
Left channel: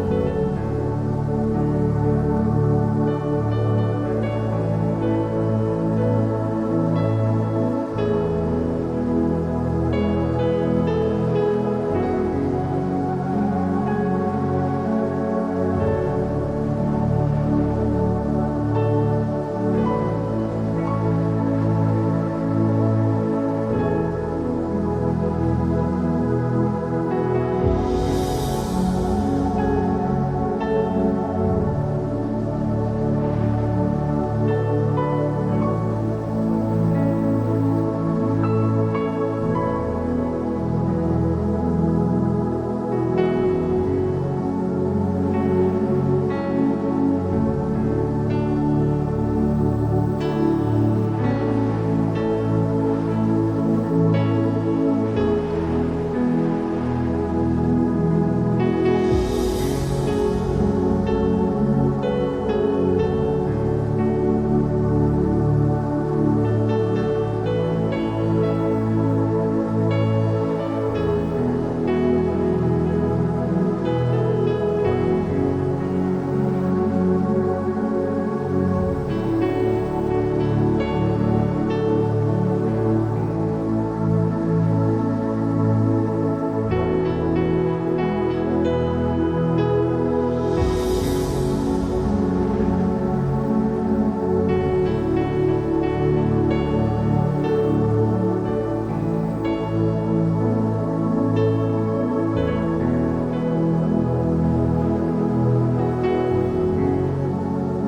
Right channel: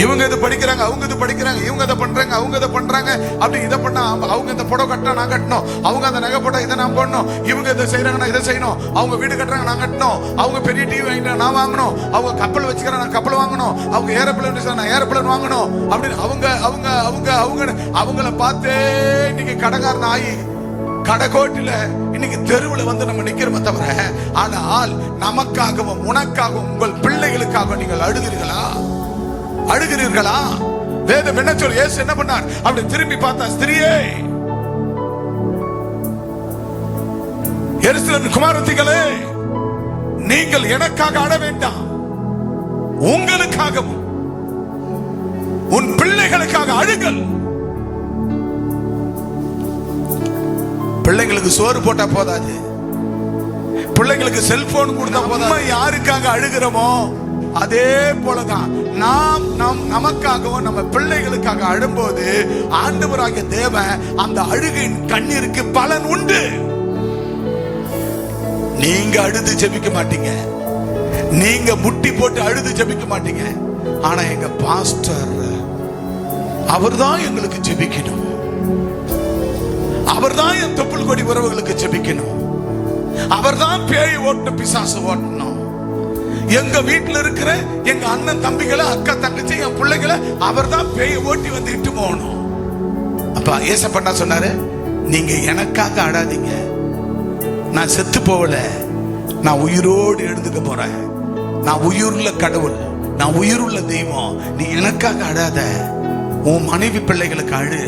இவங்க இது படிக்கிறாங்க, அவங்க இது படிக்கிறாங்க, இவங்க இதை பண்றாங்க, அவங்க இதை பண்றாங்க, அப்படி இதை பண்ணா அவங்க இந்த புடவை கட்டினா நான் கட்டணும், அவங்க அந்த நகை போட்டா இதை நான் போடணும், இவங்க இதை செய்யறாங்க நான் இதை செய்யணும், அவங்க வீடு கட்டுறாங்க நான் கட்டணும், அவங்க பெரிய டிவி வாங்கிட்டா நான் வாங்கணும், அவங்க கப்பல் வச்சுக்கிறேன் நான் கப்பல் வாங்கணும், அவங்க ஏரோப்ளேன் நான் ஏரோப்ளேன் வாங்கணும் அப்படின்னு அவங்க அவங்க அவங்க அவங்க அவங்கள பார்த்தே இன்னைக்கு கடைக்காரன் ஆகி கடைக்கோட்டில இன்னைக்கு தெருவில் வந்து நம்ம நிக்கிறோமே தவிர, ஆனால் நமக்காகவும் உனக்காகவும் உங்கள் பிள்ளைகளுக்காக நீங்கள் அழுகிறீர்களா? அழுகிறீர்களா? வேதம் என்ன சொல்ல? இயேசு என்ன பண்ணார்? அப்படி திரும்பி பார்த்தா, ஸ்திரியே, எருசலேமின் குமாரத்திகளே, நீங்கள் எனக்காக அழ வேண்டாம், உங்களுக்காகவும் உன் பிள்ளைகளுக்காக அழுங்கள். பிள்ளைங்களுக்கு சோறு போட்டா போதாது, பிள்ளைங்களுக்கு செல்போன் கொடுத்தா போதாது. யாருக்காக அழுகிறோமோ அதே போலதான் நாம் நமக்காகவும் நம்ம பிள்ளைகளுக்காக அழும்போது ஆண்டவராகிய தேவன் அந்த அழுகையின் கண்ணீருக்கு பலன் உண்டு. நீங்க அழுது ஜெபிக்க மாட்டீங்க, நீங்க முட்டி போட்டு அழுது ஜெபிக்க மாட்டீங்க. ஆனா எங்க பாஸ்டர் அவர்தான் எங்களுக்கு ஜெபிக்கணும், அவர்தான் என் தொப்புள் கொடி உறவுகளுக்கு ஜெபிக்கணும், அவர்தான் பேய் ஓட்டு பிசாசு ஓட்டணும். எங்க வீட்டுல இருக்கிற எங்க அண்ணன் தம்பிகளை, அக்கா தங்கச்சி, என் பிள்ளைகளை அவர்தான் பேய் ஓட்டி வந்து இட்டு போகணும். அப்ப ஏசப்பா சொன்னாரு, நீங்க எனக்காக அழாதீங்க, நான் செத்து போகல, நான் உயிரோடு எழுந்துக்க போறேன், நான் உயிருள்ள கடவுள், நான் உயிருள்ள தெய்வம். நீ எனக்காக அழாத, உன் மனைவி பிள்ளைகளுக்கு அழு,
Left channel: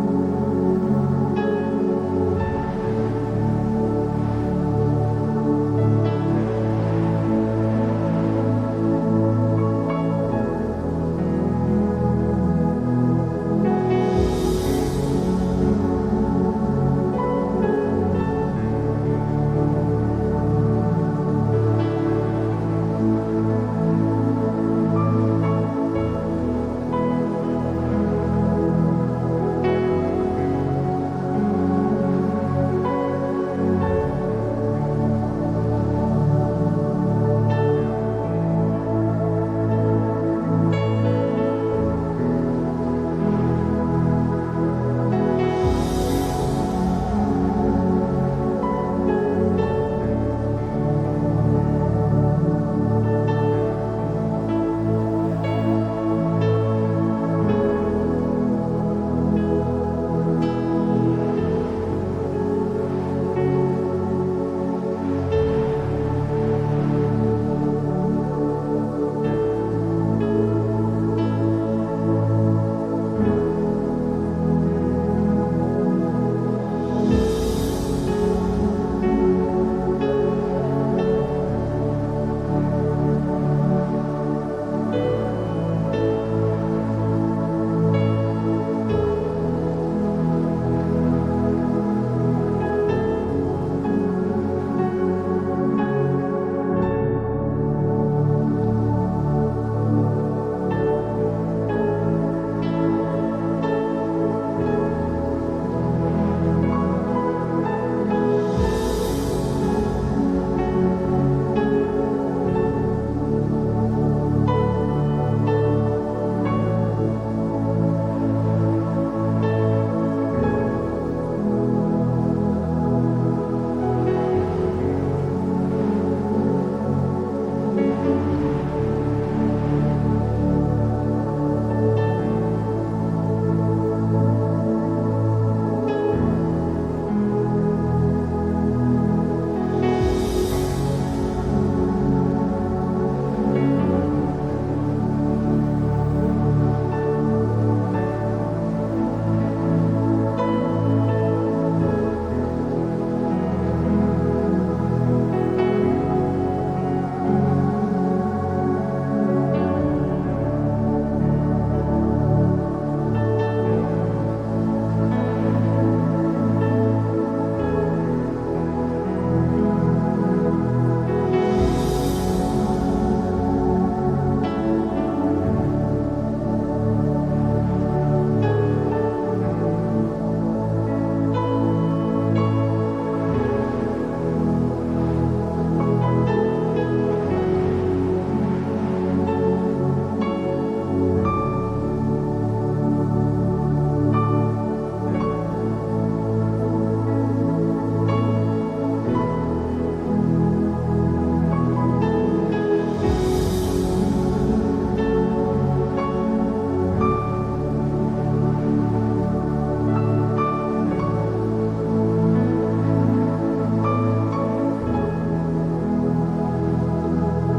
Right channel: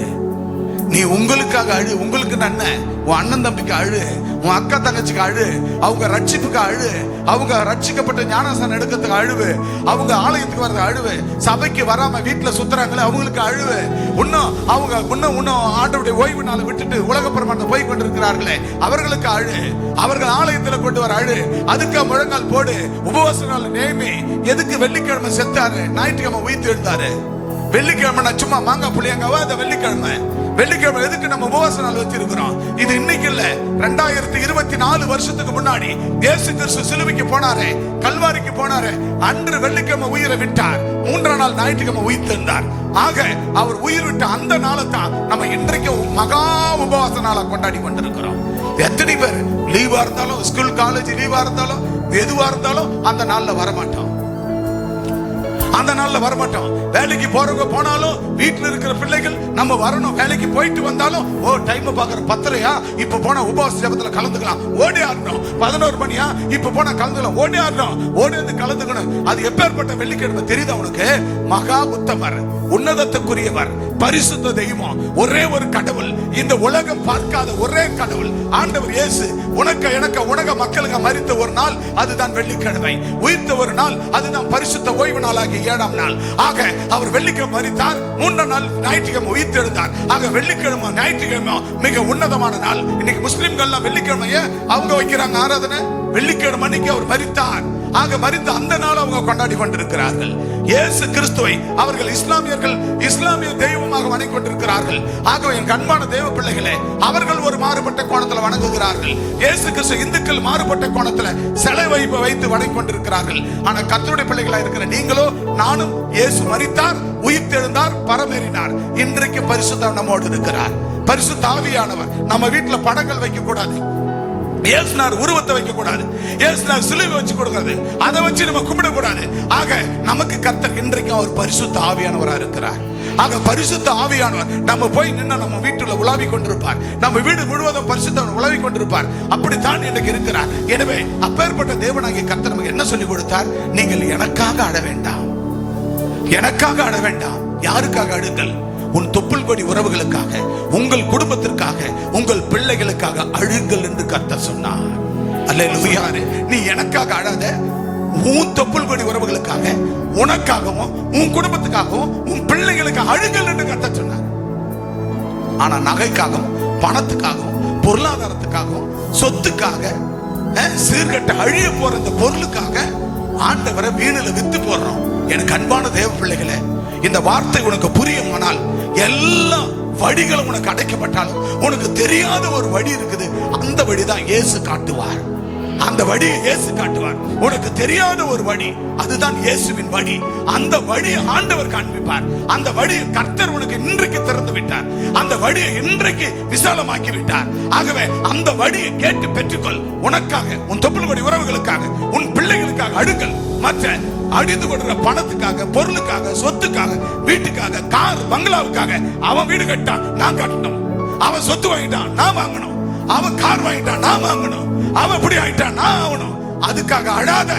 நீ உங்களுக்காக அழு, உங்களுக்கு நன்மை, உன் அண்ணன் தம்பிக்கு அழு, உன் அக்கா தங்கச்சிக்கு அழு, அவங்க ரட்சிப்புக்கு அழு, அவங்க ரட்சிக்கப்பட்ட ஞானஸ்தானம் எடுக்கிறதுக்கு அழுவு, அவங்க ஆலயத்துக்கு வர்றது அழுவு, சபைக்கு வராம வீட்டுல சுத்துறாங்களே அவங்களுக்கு அழுவு, இன்னும் அவங்க இன்னும் ஆண்டவருடைய ஓய்வு நாளை விட்டுட்டு உலக பிரமாணம் போய் கொண்டிருக்கிறார்களே அவர்களுக்கு அழு, அவர்கள் ஆலயத்துல கொண்டு வர அழு, அதுக்கு முழங்கால் போடு, உபவாச நாள் நேமி. எதுக்கு வெள்ளிக்கிழமை செத்தாரு, ஞாயிற்றுக்கிழமை உயிர்த்து எழுந்தாரு? வெள்ளிக்கிழமை நான் சும்மா மாங்காய் புளியங்காவா? அந்த வெள்ளிக்கிழமை எதுக்கு நம்ம உபவாச நாள் வச்சிருக்கிறோம்? இது இன்னைக்கு இல்ல, 2024 வருஷத்துக்கு முன்னாடி இயேசு கிறிஸ்து சிலுவைக்கு போனாரே, கல்வாரிக்கு போனாரே, அன்று வெள்ளிக்கிழமை உயிரை விட்டார், 3ஆம் நாள் ஞாயிற்றுக்கிழமை உயிர்த்தெழுந்தார். ஆக அவர் உயிர் விட்ட அந்த நாளை தான் நம்ம இன்றைக்கு மகா உபவாச நாளா கொண்டாடி கொண்டிருக்கிறோம். எத்தனை பேர் லீவா இருந்தாலும், ஸ்கூல் காலேஜ் லீவா இருந்தாலும், எதுவா இருந்தாலும் அந்த நாள்ல வரமாட்டோம், அந்த நாள்ல வரமாட்டோம். வேலைக்கு போறவங்க போனாலும், வீட்டுல இருக்கிற பிள்ளைகள் நம்ம வரணும், வேலைக்கு போயிட்டு வந்தாலும், ஓ டைம் பாக்குற 10:30, இப்ப போனா உபவாச ஜெபத்துல கலந்துக்கலாம், ஓடி ஆடணும். 11 மணியா, இப்ப போனா கலந்துக்கலாம், ஓடி ஆடணும், ஓடி வந்து கலந்துக்கணும். அது எப்பேற்பட்ட வெள்ளிக்கிழமை தெரியுதா உனக்கு? மகா உத்தமர், உன்னதத்துக்குரியவர், பரிசுத்த தெய்வம், ஒரே ஒரு கடவுள், இந்த உலகம் பார்க்காத ஒரே கடவுள் ஆண்டவர் இயேசு உனக்கு எனக்கு உலக மக்களுக்கு மரித்த ஒரு நாள் அதுதான் வெள்ளிக்கிழமை, உயிர்த்த ஒரு நாள் அதுதான் பரிசுத்த ஓய்வு நாளாகிய 7ஆம் நாள். ஆக அவர் வெள்ளிக்கிழமை மரித்தார், 3ஆம் நாள் ஞாயிற்றுக்கிழமை உயிர்த்தெழுந்தார். ஆக வெள்ளிக்கிழமை ஞாயிற்றுக்கிழமை மிக உன்னதமான நாள். இன்னைக்கு முஸ்லிம்கள் வெள்ளிக்கிழமைய அவங்க வைக்கிறாங்க ஆராதனை, வெள்ளிக்கிழமை அன்னைக்கு அவர் மரித்தார். ஆக மரித்த அந்த நாள் அவங்க கொண்டாடி கொண்டிருக்கிறார்கள். இயேசு கிறிஸ்துவை அவர்கள் இஸ்லாமிய தெய்வமாக வணங்கி கொண்டிருக்கிறார்கள். ஆகவே என் அன்பான தேவ பிள்ளைகளே, அவர்கள் ஒரு மாறுபட்ட கோணத்தில் வணங்குகிறார்கள். இயேசு கிறிஸ்து இந்துக்கள் மாறுபட்ட கோணத்தில் சிலை வைத்து வணங்கி கொண்டிருக்கிறார்கள். ஆனா கர்த்தருடைய பிள்ளைகளா இருக்கிற நீங்களோ நானும் இயேசு மரித்தார், உயிர்த்தெழுந்தார், பரமேறினார். இன்றைக்கு பரிசுத்தர் நம்மோடு இருக்கிறார். பரிசுத்த ஆவியானவர். நம்ம வீட்டுல படங்கள் வைக்க கூடாது, இயேசுனார் உருவத்தை வைக்க கூடாது, இயேசுனார் சிலுவை வச்சு கொடுக்கிறது, அதை வச்சு நம்ம கும்பிட கூடாது. ஆக நமக்கு கர்த்தர் இன்றைக்கு அவர் பரிசுத்த ஆவியானவரா இருக்கிறார். ஆக பரிசுத்த ஆவியானவர் நம்ம போய் நின்று நம்ம வீட்டுல உலாவி கொண்டிருப்பார். நம்ம வீடு முழுவதும் பரிசுத்தவர் உலாவி கொண்டிருப்பார். அப்படித்தான் இன்றைக்கு இருக்கிறார். எனவே அப்பேற்பட்ட தேவனாகிய கர்த்தர் நமக்கு என்ன சொல்லி கொடுத்தார்? நீங்கள் எனக்காக அழ வேண்டாம், எனக்காக அழ வேண்டாம். யாருக்காக அழுங்கள்? உன் தொப்புள் கொடி உறவுகளுக்காக, உங்கள் குடும்பத்திற்காக, உங்கள் பிள்ளைகளுக்காக அழுங்கள் என்று கர்த்தர் சொன்னார். அல்லேலூயா. நீ எனக்காக அழாத, உன் தொப்புள் கொடி உறவுகளுக்காக, உனக்காகவும் உன் குடும்பத்துக்காகவும் உன் பிள்ளைகளுக்கு அழுங்கள் என்று கர்த்தர் சொன்னார். ஆனா நகைக்காகவும் பணத்துக்காகவும் பொருளாதாரத்துக்காகவும் சொத்துக்காக சீர்கட்ட அழிய போற இந்த பொருளுக்காக ஆண்டவரை வீணில வித்து போடுறோம். எனக்கு அன்பான தேவ பிள்ளைகளே, இந்த வார்த்தை உனக்கு புரியுமானால் எல்லா வழிகளும் உனக்கு அடைக்கப்பட்டாலும் உனக்கு தெரியாத ஒரு வழி இருக்குது. அந்த வழிதான் இயேசு காட்டுவார். அந்த வழியை இயேசு காட்டுவார். உனக்கு தெரியாத ஒரு வழி, அதுதான் இயேசுவின் வழி. அந்த வழியை ஆண்டவர் காண்பிப்பார். அந்த வழியை கர்த்தர் உனக்கு இன்றைக்கு திறந்து விட்டார். அந்த வழியை இன்றைக்கு விசாலமாக்கி விட்டார். ஆகவே அந்த வழியை கேட்டு பெற்றுக்கொள். உனக்காக, உன் தொப்புள் கொடி உறவுகளுக்காக, உன் பிள்ளைகளுக்காக அழுங்கள். மற்ற அடித்து கொடுக்கிற பணத்துக்காக, பொருளுக்காக, சொத்துக்காக, வீட்டுக்காக, கார் பங்களாவுக்காக, அவன் வீடு கட்டான் நான் கட்டணும், அவன் சொத்து வாங்கிட்டான் நான் வாங்கணும், அவன் கார் வாங்கிட்டான் நான் வாங்கணும், அவன் இப்படி ஆயிட்டான் நான் ஆகணும். அதுக்காக அழாத.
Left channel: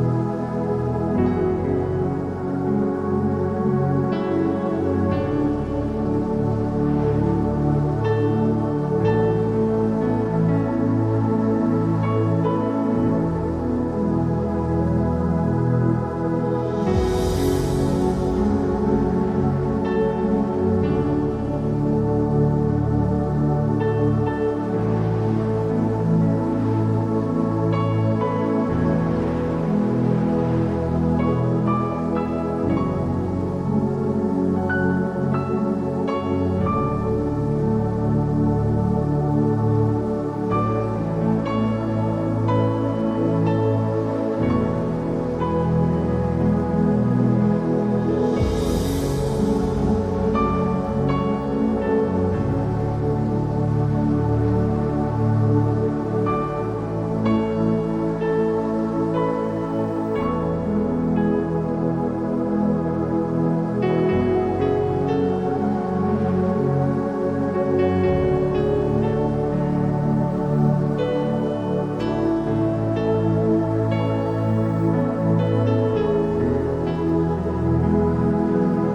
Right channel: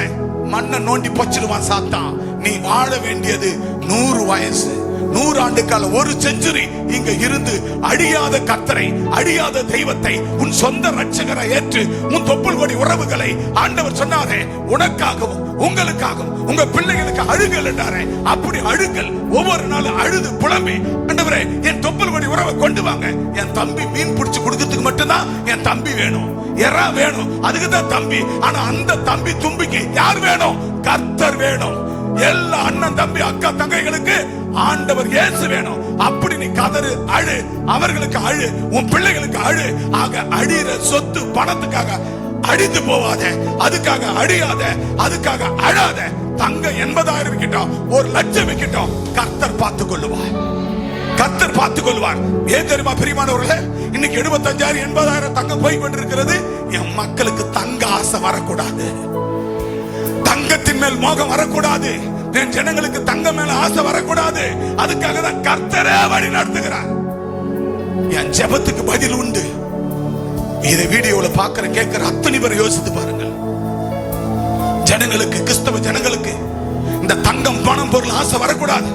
மண்ணை நோண்டி பொச்சிடுவான் சாத்தான். நீ வாழ வேண்டியது 100 வயசு, 100 ஆண்டு காலம், ஒரு செஞ்சுரி இங்க இருந்து அழியாத கர்த்தரை, அழியாத தெய்வத்தை உன் சொந்த ரட்சகரை ஏற்று உன் தொப்புள் கொடி உறவுகளை ஆண்டவர் சொன்னாரே, உனக்காகவும் உங்களுக்காகவும் உங்க பிள்ளைகளுக்கு அழுகல் என்றாரே, அப்படி அழுகல். ஒவ்வொரு நாளும் அழுது புலம்பி, ஆண்டவரே என் தொப்புள் கொடி உறவை கொண்டு வாங்க. என் தம்பி மீன் பிடிச்சு கொடுக்கிறதுக்கு மட்டும்தான் என் தம்பி வேணும், எறா வேணும், அதுக்கு தான் தம்பி. ஆனா அந்த தம்பி தும்பிக்கு யார் வேணும்? கர்த்தர் வேணும். எல்லா அண்ணன் தம்பி அக்கா தங்கைகளுக்கு ஆண்டவர் இயேசு வேணும். அப்படி நீ கதறு, அழு, அவர்களுக்கு அழு, உன் பிள்ளைகளுக்கு அழு. ஆக அழிற சொத்து பணத்துக்காக அழிந்து போவாத, அதுக்காக அழியாத, அதுக்காக அழாத. தங்க 80,000 விக்கட்டும், 1,00,000 விக்கட்டும், கர்த்தர் பார்த்துக் கொள்ளுவார். கர்த்தர் பார்த்துக் கொள்வார். ஏன் தெரியுமா பிரியமானவர்களே? இன்னைக்கு 75,000 80,000 தங்கம் போய் கொண்டிருக்கிறது. என் மக்களுக்கு தங்க ஆசை வரக்கூடாது, தங்கத்தின் மேல் மோகம் வரக்கூடாது, என் ஜனங்களுக்கு தங்கம் மேல ஆசை வரக்கூடாது. அதுக்காக தான் கர்த்தரே வழி நடத்துகிறார். என் ஜெபத்துக்கு பதில் உண்டு. இதை வீடியோல பாக்குற கேட்கிற அத்தனை பேர் யோசித்து பாருங்கள். ஜனங்களுக்கு, கிறிஸ்தவ ஜனங்களுக்கு இந்த தங்கம் பணம் பொருள் ஆசை வரக்கூடாது.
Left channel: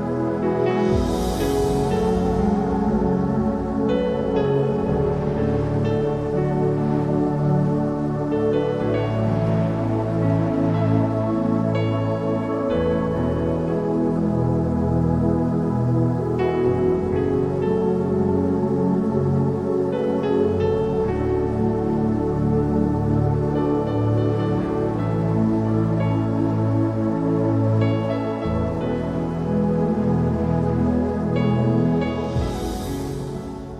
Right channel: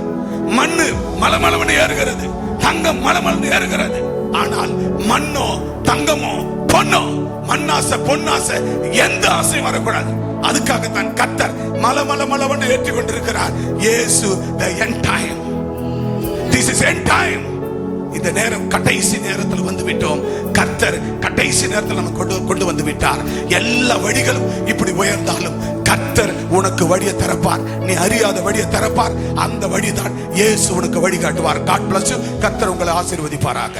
மண்ணு மலமளவனை ஏறுகிறது, தங்கம் மலமளன்னு ஏறுகிறது. ஆனால் மண்ணோ தங்கமோ பொன்னோ, மண்ணாசை பொன்னாசை எந்த ஆசையும் வரக்கூடாது. அதுக்காகத்தான் கர்த்தர் மலமளவனை ஏற்றி கொண்டிருக்கிறார். இயேசு the end time. This is end time. இந்த நேரம் கடைசி நேரத்தில் வந்து விட்டோம். கர்த்தர் கடைசி நேரத்தில் நம்ம கொண்டு வந்து விட்டார். எல்லா வழிகளும் இப்படி உயர்ந்தாலும் கர்த்தர் உனக்கு வழியை திறப்பார். நீ அறியாத வழியை திறப்பார். அந்த வழிதான் இயேசு உனக்கு வழி காட்டுவார். God bless you. கர்த்தர் உங்களை ஆசீர்வதிப்பாராக.